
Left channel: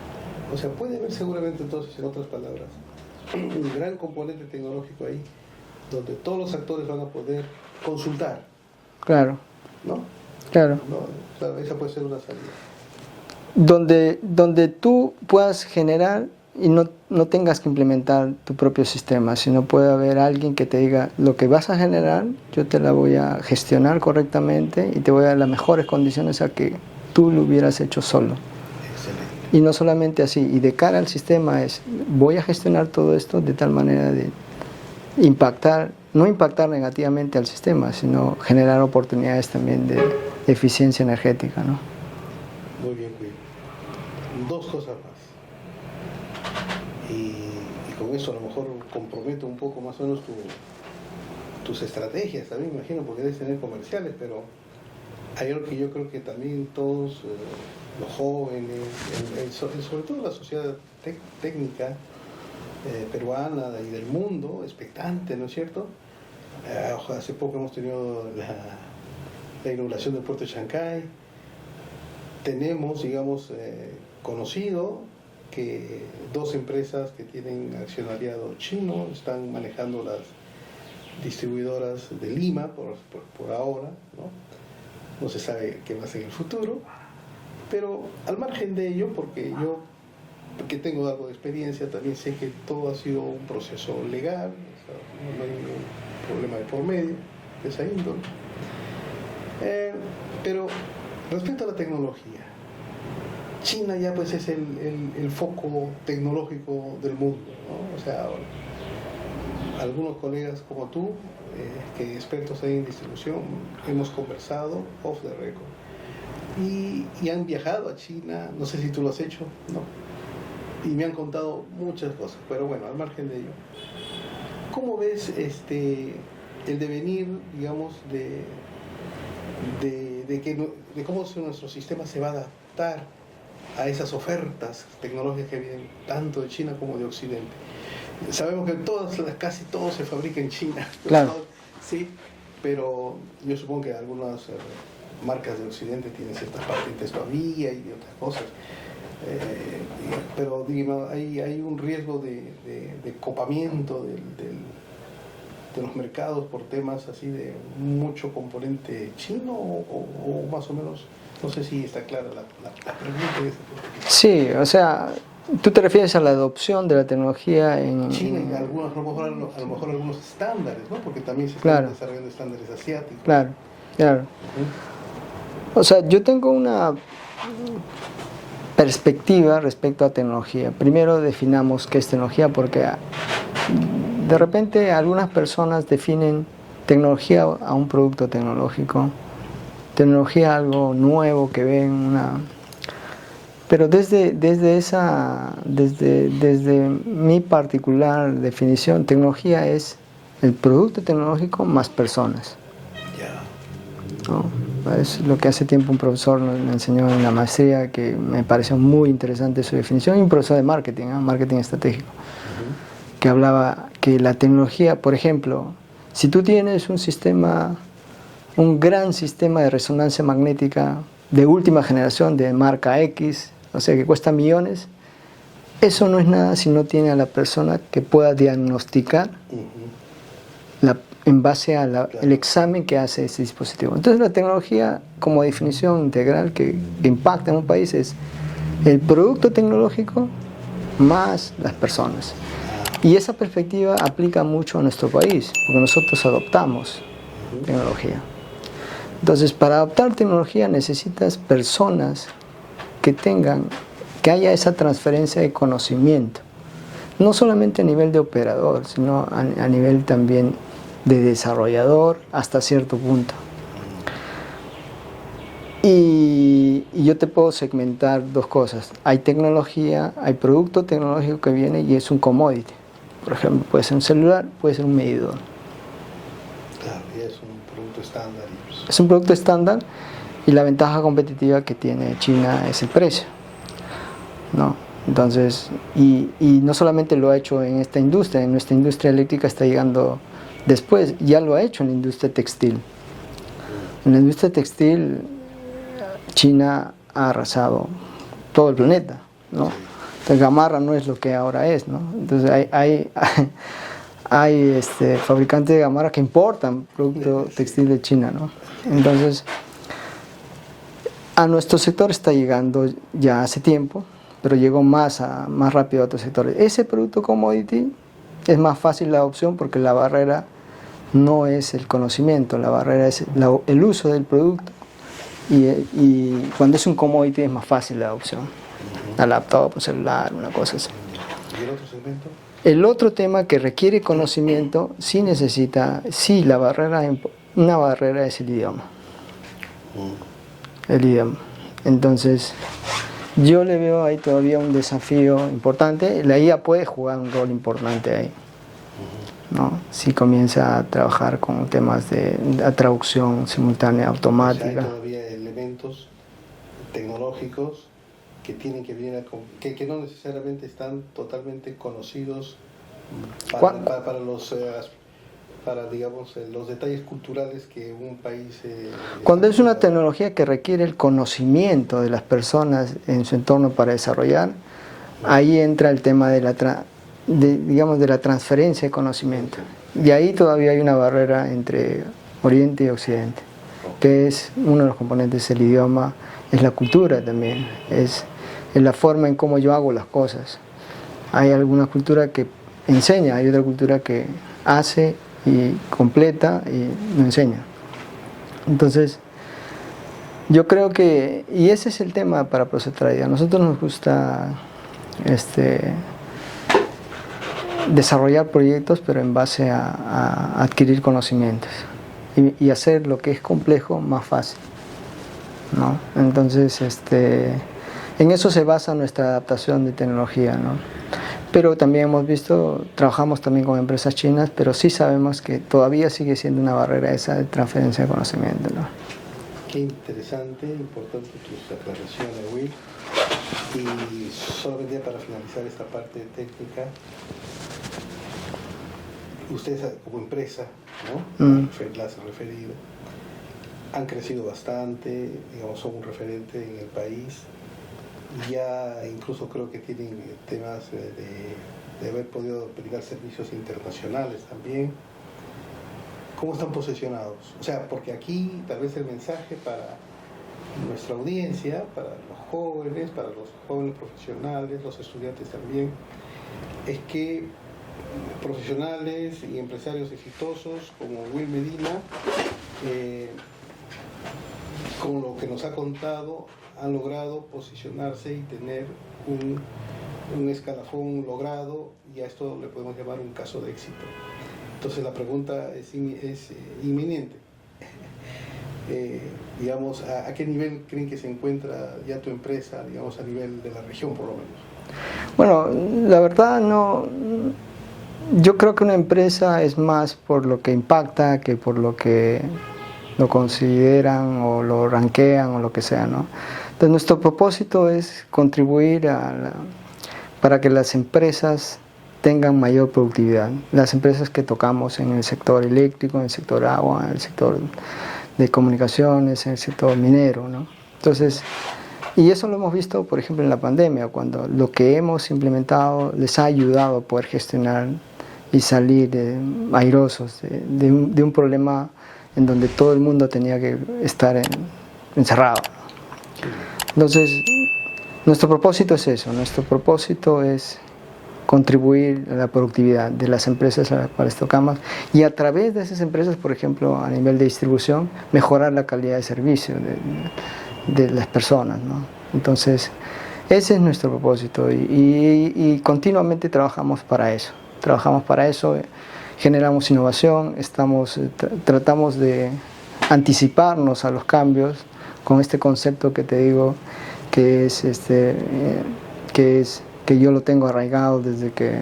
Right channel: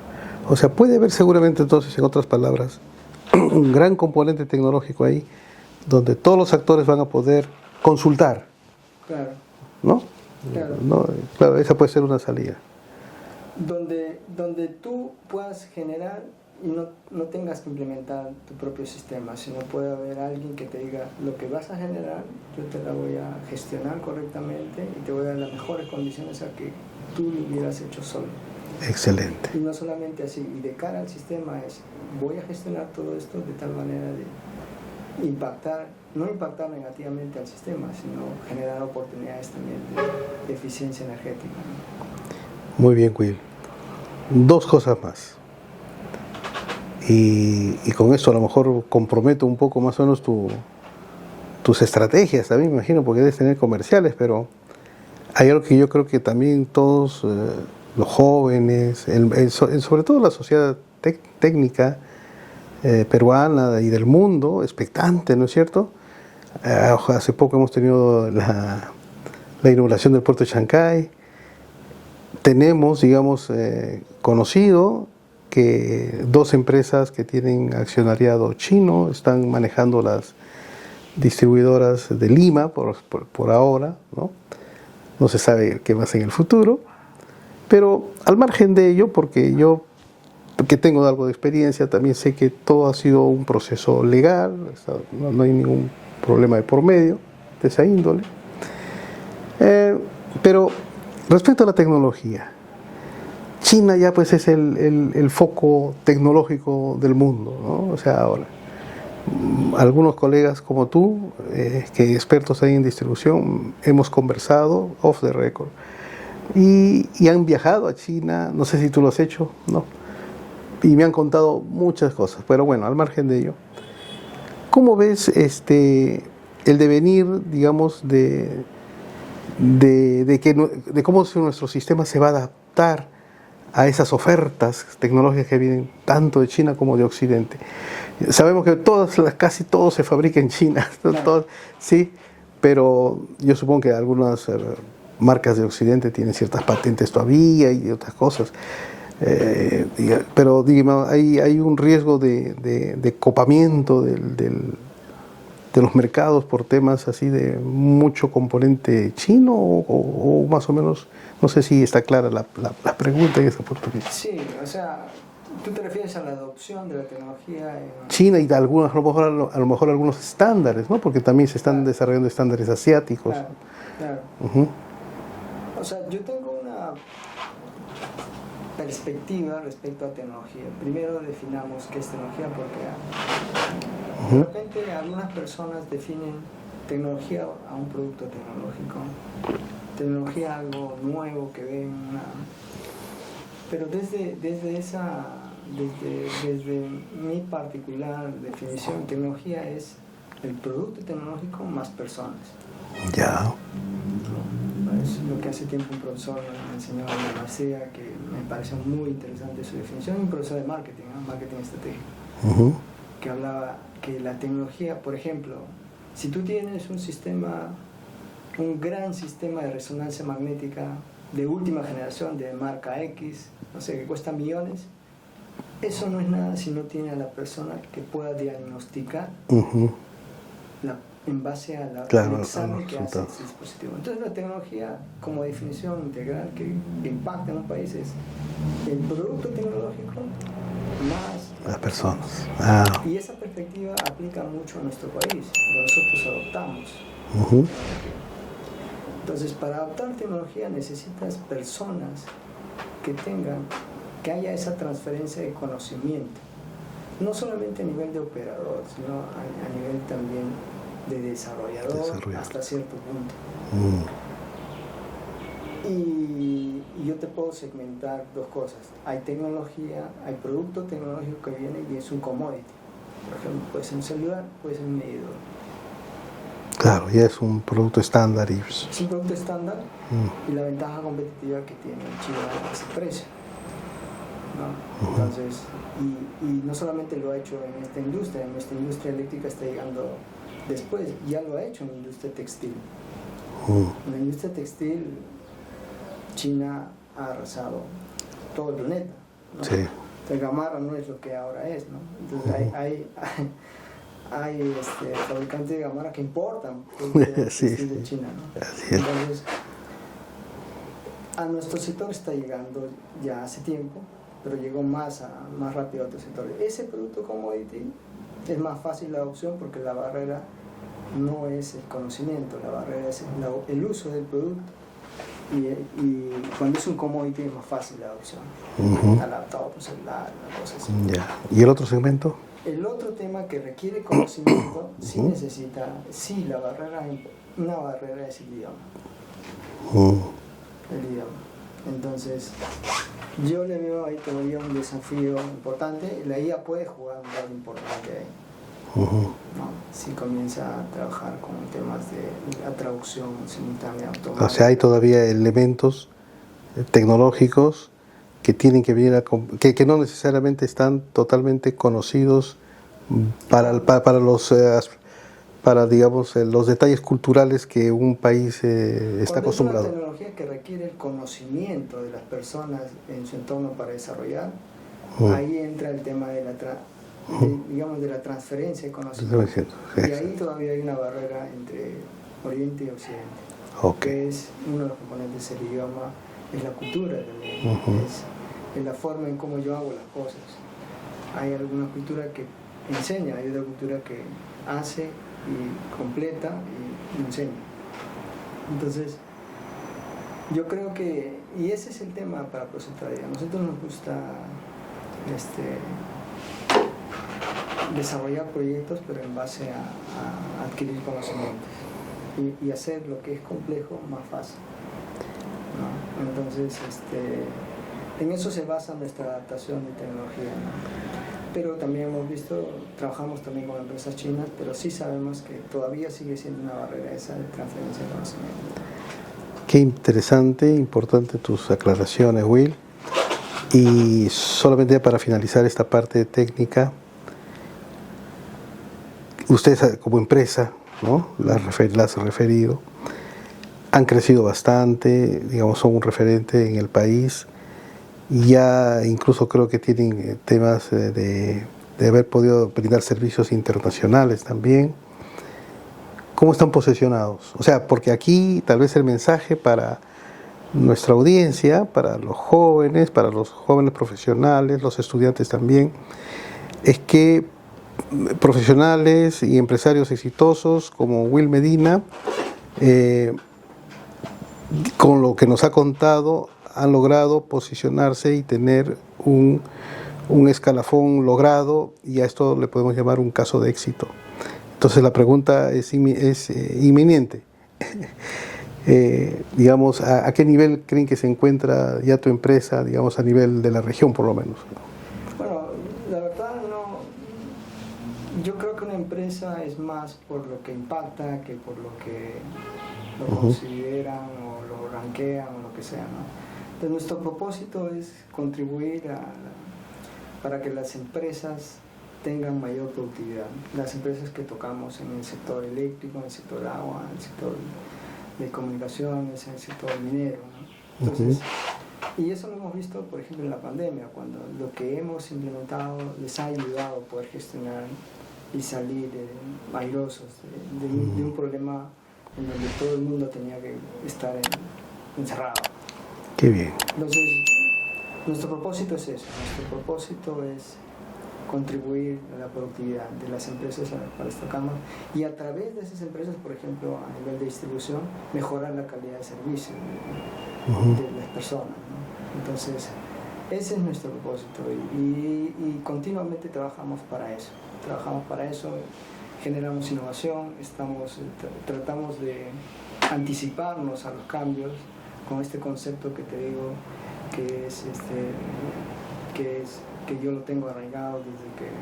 O sea, puede haber seguramente entonces, en otras palabras, un gran componente tecnológico ahí, donde todos los actores van a poder consultar. Claro. ¿No? Claro. ¿No? Claro, esa puede ser una salida. Donde tú puedas generar y no tengas que implementar tu propio sistema, sino puede haber alguien que te diga, lo que vas a generar, yo te la voy a gestionar correctamente y te voy a dar las mejores condiciones a que tú lo hubieras hecho solo. Excelente. Y no solamente así, y de cara al sistema es, voy a gestionar todo esto de tal manera de no impactar negativamente al sistema, sino generar oportunidades también de eficiencia energética, ¿no? Muy bien, Will. Dos cosas más. Y con esto a lo mejor comprometo un poco más o menos tus estrategias también, me imagino, porque debes tener comerciales, pero hay algo que yo creo que también todos, los jóvenes, sobre todo la sociedad técnica peruana y del mundo, expectante, ¿no es cierto? Hace poco hemos tenido la inauguración del puerto de Chancay. Tenemos, digamos, conocido que dos empresas que tienen accionariado chino están manejando las distribuidoras de Lima por ahora, ¿no? No se sabe qué va a ser en el futuro, pero al margen de ello, porque yo que tengo algo de experiencia, también sé que todo ha sido un proceso legal, no hay ningún problema de por medio de esa índole. Pero respecto a la tecnología, China ya pues es el foco tecnológico del mundo, ¿no? O sea, ahora, algunos colegas como tú, que expertos ahí en distribución, hemos conversado off the record y han viajado a China, no sé si tú lo has hecho, ¿no? Y me han contado muchas cosas, pero bueno, al margen de ello, ¿cómo ves el devenir, digamos, de cómo nuestro sistema se va a adaptar a esas ofertas tecnológicas que vienen tanto de China como de Occidente? Sabemos que casi todo se fabrica en China, claro. Todo, sí, pero yo supongo que algunas marcas de Occidente tienen ciertas patentes todavía y otras cosas. Pero digamos, hay un riesgo de copamiento de los mercados por temas así de mucho componente chino o más o menos, no sé si está clara la pregunta y esa oportunidad. Sí, o sea, tú te refieres a la adopción de la tecnología en China y de algunas, a lo mejor algunos estándares, ¿no? Porque también se están desarrollando estándares asiáticos. Claro, claro. O sea, yo tengo una perspectiva respecto a tecnología. Primero definamos qué es tecnología, porque de repente algunas personas definen tecnología a un producto tecnológico, tecnología a algo nuevo que ven pero desde mi particular definición, tecnología es el producto tecnológico más personas. Ya. ¿No? Es lo que hace tiempo un profesor me enseñó en la maestría, que me pareció muy interesante su definición, y un profesor de marketing, marketing estratégico, que hablaba que la tecnología, por ejemplo, si tú tienes un gran sistema de resonancia magnética de última generación de marca X, o sea, que cuesta millones, eso no es nada si no tiene a la persona que pueda diagnosticar en base al examen que hace ese dispositivo. Entonces la tecnología, como definición integral que impacta en un país, es el producto tecnológico más las personas. Y esa perspectiva aplica mucho a nuestro país, porque nosotros adoptamos tecnología. Entonces, para adoptar tecnología necesitas personas que haya esa transferencia de conocimiento, no solamente a nivel de operador, sino a nivel también de desarrollador hasta cierto punto. Y yo te puedo segmentar dos cosas. Hay tecnología, hay producto tecnológico que viene y es un commodity. Por ejemplo, puede ser un celular, puede ser un medidor. Claro, ya es un producto estándar. Es un producto estándar y la ventaja competitiva que tiene China es el precio, ¿no? Entonces, y no solamente lo ha hecho en esta industria, en nuestra industria eléctrica está llegando después, ya lo ha hecho en la industria textil. En la industria textil, China ha arrasado todo el planeta, ¿no? Sí. Entonces, Gamarra no es lo que ahora es, ¿no? Entonces, hay fabricantes de Gamarra que importan producto textil de China, ¿no? Entonces, a nuestro sector está llegando ya hace tiempo, pero llegó más rápido a otros sectores. Ese producto commodity es más fácil la adopción porque la barrera no es el conocimiento, la barrera es el uso del producto. Y cuando es un commodity es más fácil la adopción. Al laptop, un celular, una cosa así. ¿Y el otro segmento? El otro tema que requiere conocimiento sí necesita, una barrera es el idioma. El idioma. Entonces, yo le veo ahí todavía un desafío importante. La IA puede jugar un rol importante ahí, ¿no? Si comienza a trabajar con temas de traducción simultánea automática. O sea, hay todavía elementos tecnológicos que tienen que venir que no necesariamente están totalmente conocidos para los detalles culturales que un país Cuando es una acostumbrado. tecnología que requiere el conocimiento de las personas en su entorno para desarrollar, ahí entra el tema de la transferencia de conocimiento. Y ahí todavía hay una barrera entre Oriente y Occidente, que es uno de los componentes, el idioma, es la cultura también, es la forma en cómo yo hago las cosas. Hay alguna cultura que enseña, hay otra cultura que hace y completa y no enseña. Entonces, yo creo que, y ese es el tema para Procetralia, a nosotros nos gusta desarrollar proyectos, pero en base a adquirir conocimientos y hacer lo que es complejo más fácil, ¿no? Entonces, en eso se basa nuestra adaptación de tecnología, ¿no? Pero también hemos visto, trabajamos también con empresas chinas, pero sí sabemos que todavía sigue siendo una barrera esa de transferencia de conocimiento, ¿no? Qué interesante, importante tus aclaraciones, Will. Y solamente para finalizar esta parte técnica, ustedes como empresa, ¿no? Las has referido, han crecido bastante, digamos, son un referente en el país. Y ya incluso creo que tienen temas de haber podido brindar servicios internacionales también. ¿Cómo están posicionados? O sea, porque aquí tal vez el mensaje para nuestra audiencia, para los jóvenes profesionales, los estudiantes también, es que profesionales y empresarios exitosos como Will Medina, con lo que nos ha contado, han logrado posicionarse y tener un escalafón logrado, y a esto le podemos llamar un caso de éxito. Entonces la pregunta es inminente. Digamos, ¿a qué nivel creen que se encuentra ya tu empresa, digamos, a nivel de la región por lo menos? Bueno, la verdad no. Yo creo que una empresa es más por lo que impacta que por lo que lo consideran o lo rankean o lo que sea, ¿no? Entonces nuestro propósito es contribuir para que las empresas tengan mayor productividad. Las empresas que tocamos en el sector eléctrico, en el sector agua, en el sector de comunicaciones, en el sector minero, ¿no? Entonces, y eso lo hemos visto, por ejemplo, en la pandemia, cuando lo que hemos implementado les ha ayudado a poder gestionar y salir airosos de un problema en donde todo el mundo tenía que estar encerrado. Qué bien. Entonces, nuestro propósito es eso, nuestro propósito es contribuir a la productividad de las empresas a las cuales tocamos y a través de esas empresas, por ejemplo, a nivel de distribución, mejorar la calidad de servicio de las personas, ¿no? Entonces, ese es nuestro propósito y continuamente trabajamos para eso. Generamos innovación, tratamos de anticiparnos a los cambios con este concepto que te digo, que yo lo tengo arraigado desde que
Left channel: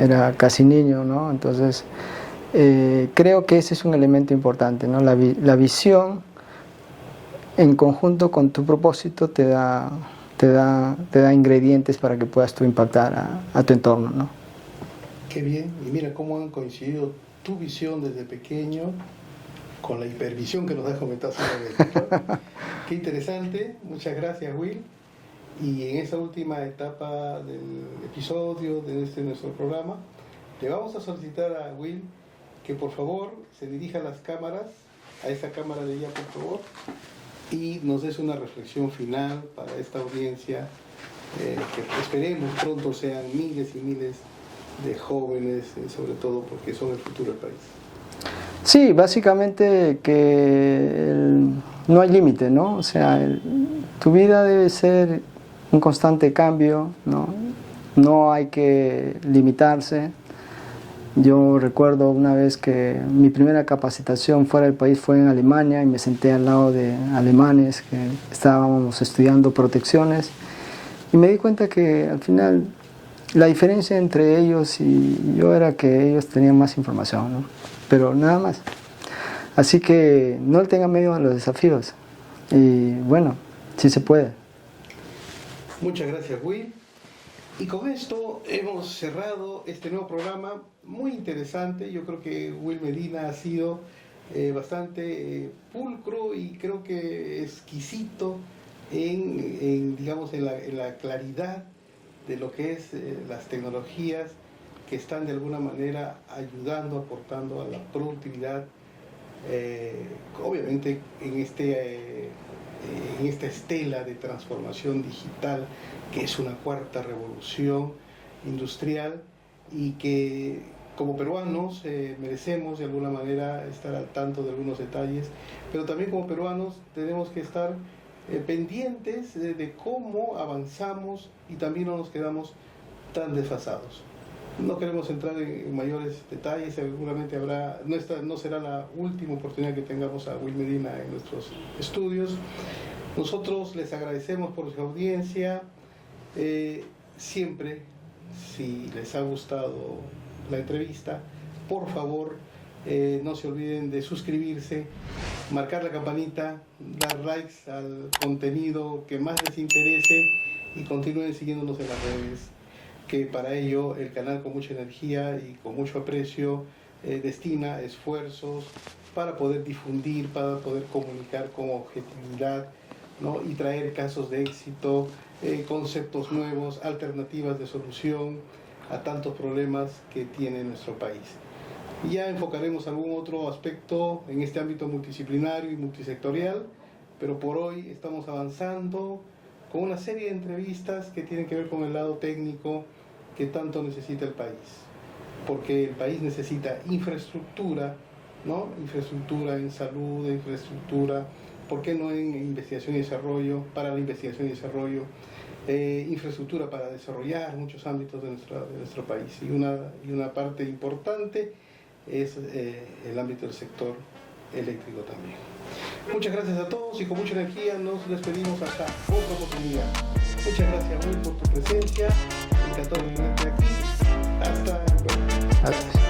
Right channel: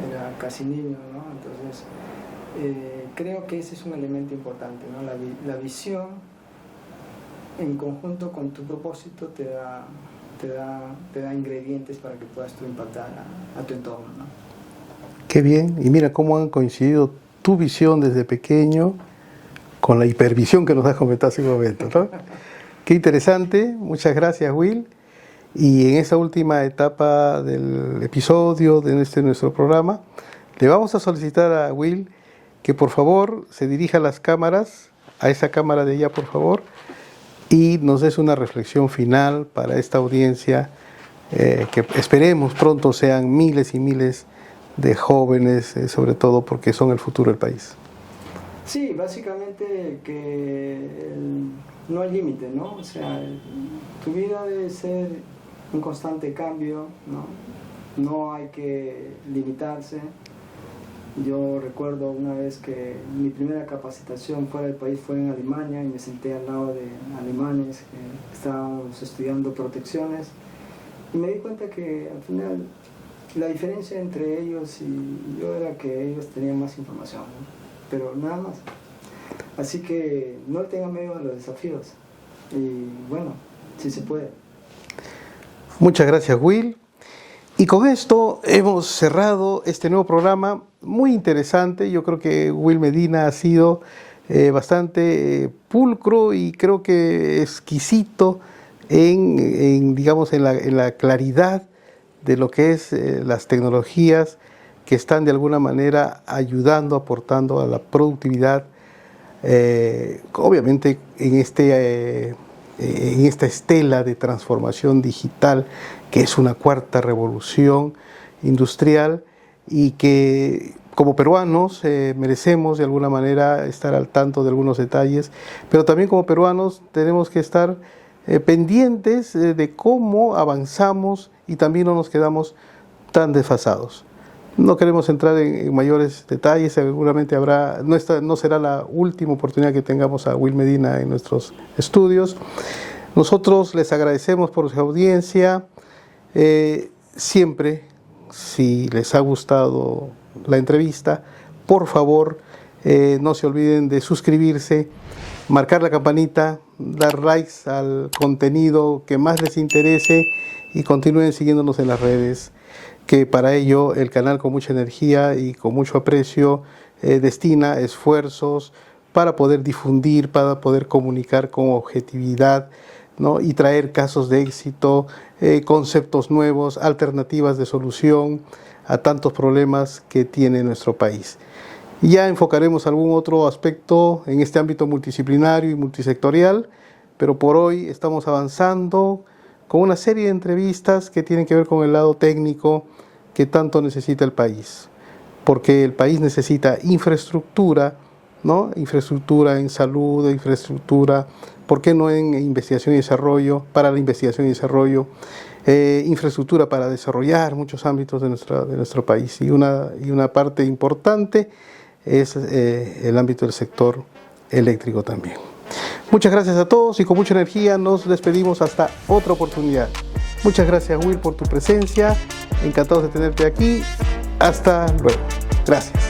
era casi niño, ¿no? Entonces, creo que ese es un elemento importante, ¿no? La visión en conjunto con tu propósito te da ingredientes para que puedas tú impactar a tu entorno, ¿no? Qué bien. Y mira cómo han coincidido tu visión desde pequeño con la hipervisión que nos has comentado hace un momento, ¿no? Qué interesante. Muchas gracias, Will. Y en esta última etapa del episodio de nuestro programa, le vamos a solicitar a Will que por favor se dirija a las cámaras, a esa cámara de allá, por favor, y nos des una reflexión final para esta audiencia, que esperemos pronto sean miles y miles de jóvenes, sobre todo porque son el futuro del país. Sí, básicamente que no hay límite, ¿no? O sea, tu vida debe ser un constante cambio, ¿no? No hay que limitarse. Yo recuerdo una vez que mi primera capacitación fuera del país fue en Alemania y me senté al lado de alemanes que estábamos estudiando protecciones y me di cuenta que al final la diferencia entre ellos y yo era que ellos tenían más información, ¿no? Pero nada más. Así que no le tengan miedo a los desafíos y bueno, sí se puede. Muchas gracias, Will. Y con esto hemos cerrado este nuevo programa muy interesante. Yo creo que Will Medina ha sido bastante pulcro y creo que exquisito digamos, en la claridad de lo que es las tecnologías que están de alguna manera ayudando, aportando a la productividad, obviamente en esta estela de transformación digital, que es una cuarta revolución industrial y que como peruanos merecemos de alguna manera estar al tanto de algunos detalles, pero también como peruanos tenemos que estar pendientes de cómo avanzamos y también no nos quedamos tan desfasados. No queremos entrar en mayores detalles, seguramente no será la última oportunidad que tengamos a Will Medina en nuestros estudios. Nosotros les agradecemos por su audiencia. Siempre, si les ha gustado la entrevista, por favor, no se olviden de suscribirse, marcar la campanita, dar likes al contenido que más les interese y continúen siguiéndonos en las redes, que para ello el canal con mucha energía y con mucho aprecio destina esfuerzos para poder difundir, para poder comunicar con objetividad, ¿no? Y traer casos de éxito, conceptos nuevos, alternativas de solución a tantos problemas que tiene nuestro país. Ya enfocaremos algún otro aspecto en este ámbito multidisciplinario y multisectorial, pero por hoy estamos avanzando con una serie de entrevistas que tienen que ver con el lado técnico que tanto necesita el país, porque el país necesita infraestructura, ¿no? Infraestructura en salud, infraestructura, ¿por qué no en investigación y desarrollo, para la investigación y desarrollo, infraestructura para desarrollar muchos ámbitos de nuestro país? Y una parte importante es el ámbito del sector eléctrico también. Muchas gracias a todos y con mucha energía nos despedimos hasta otra oportunidad. Muchas gracias, Will, por tu presencia. Encantados de tenerte aquí. Hasta luego. Gracias.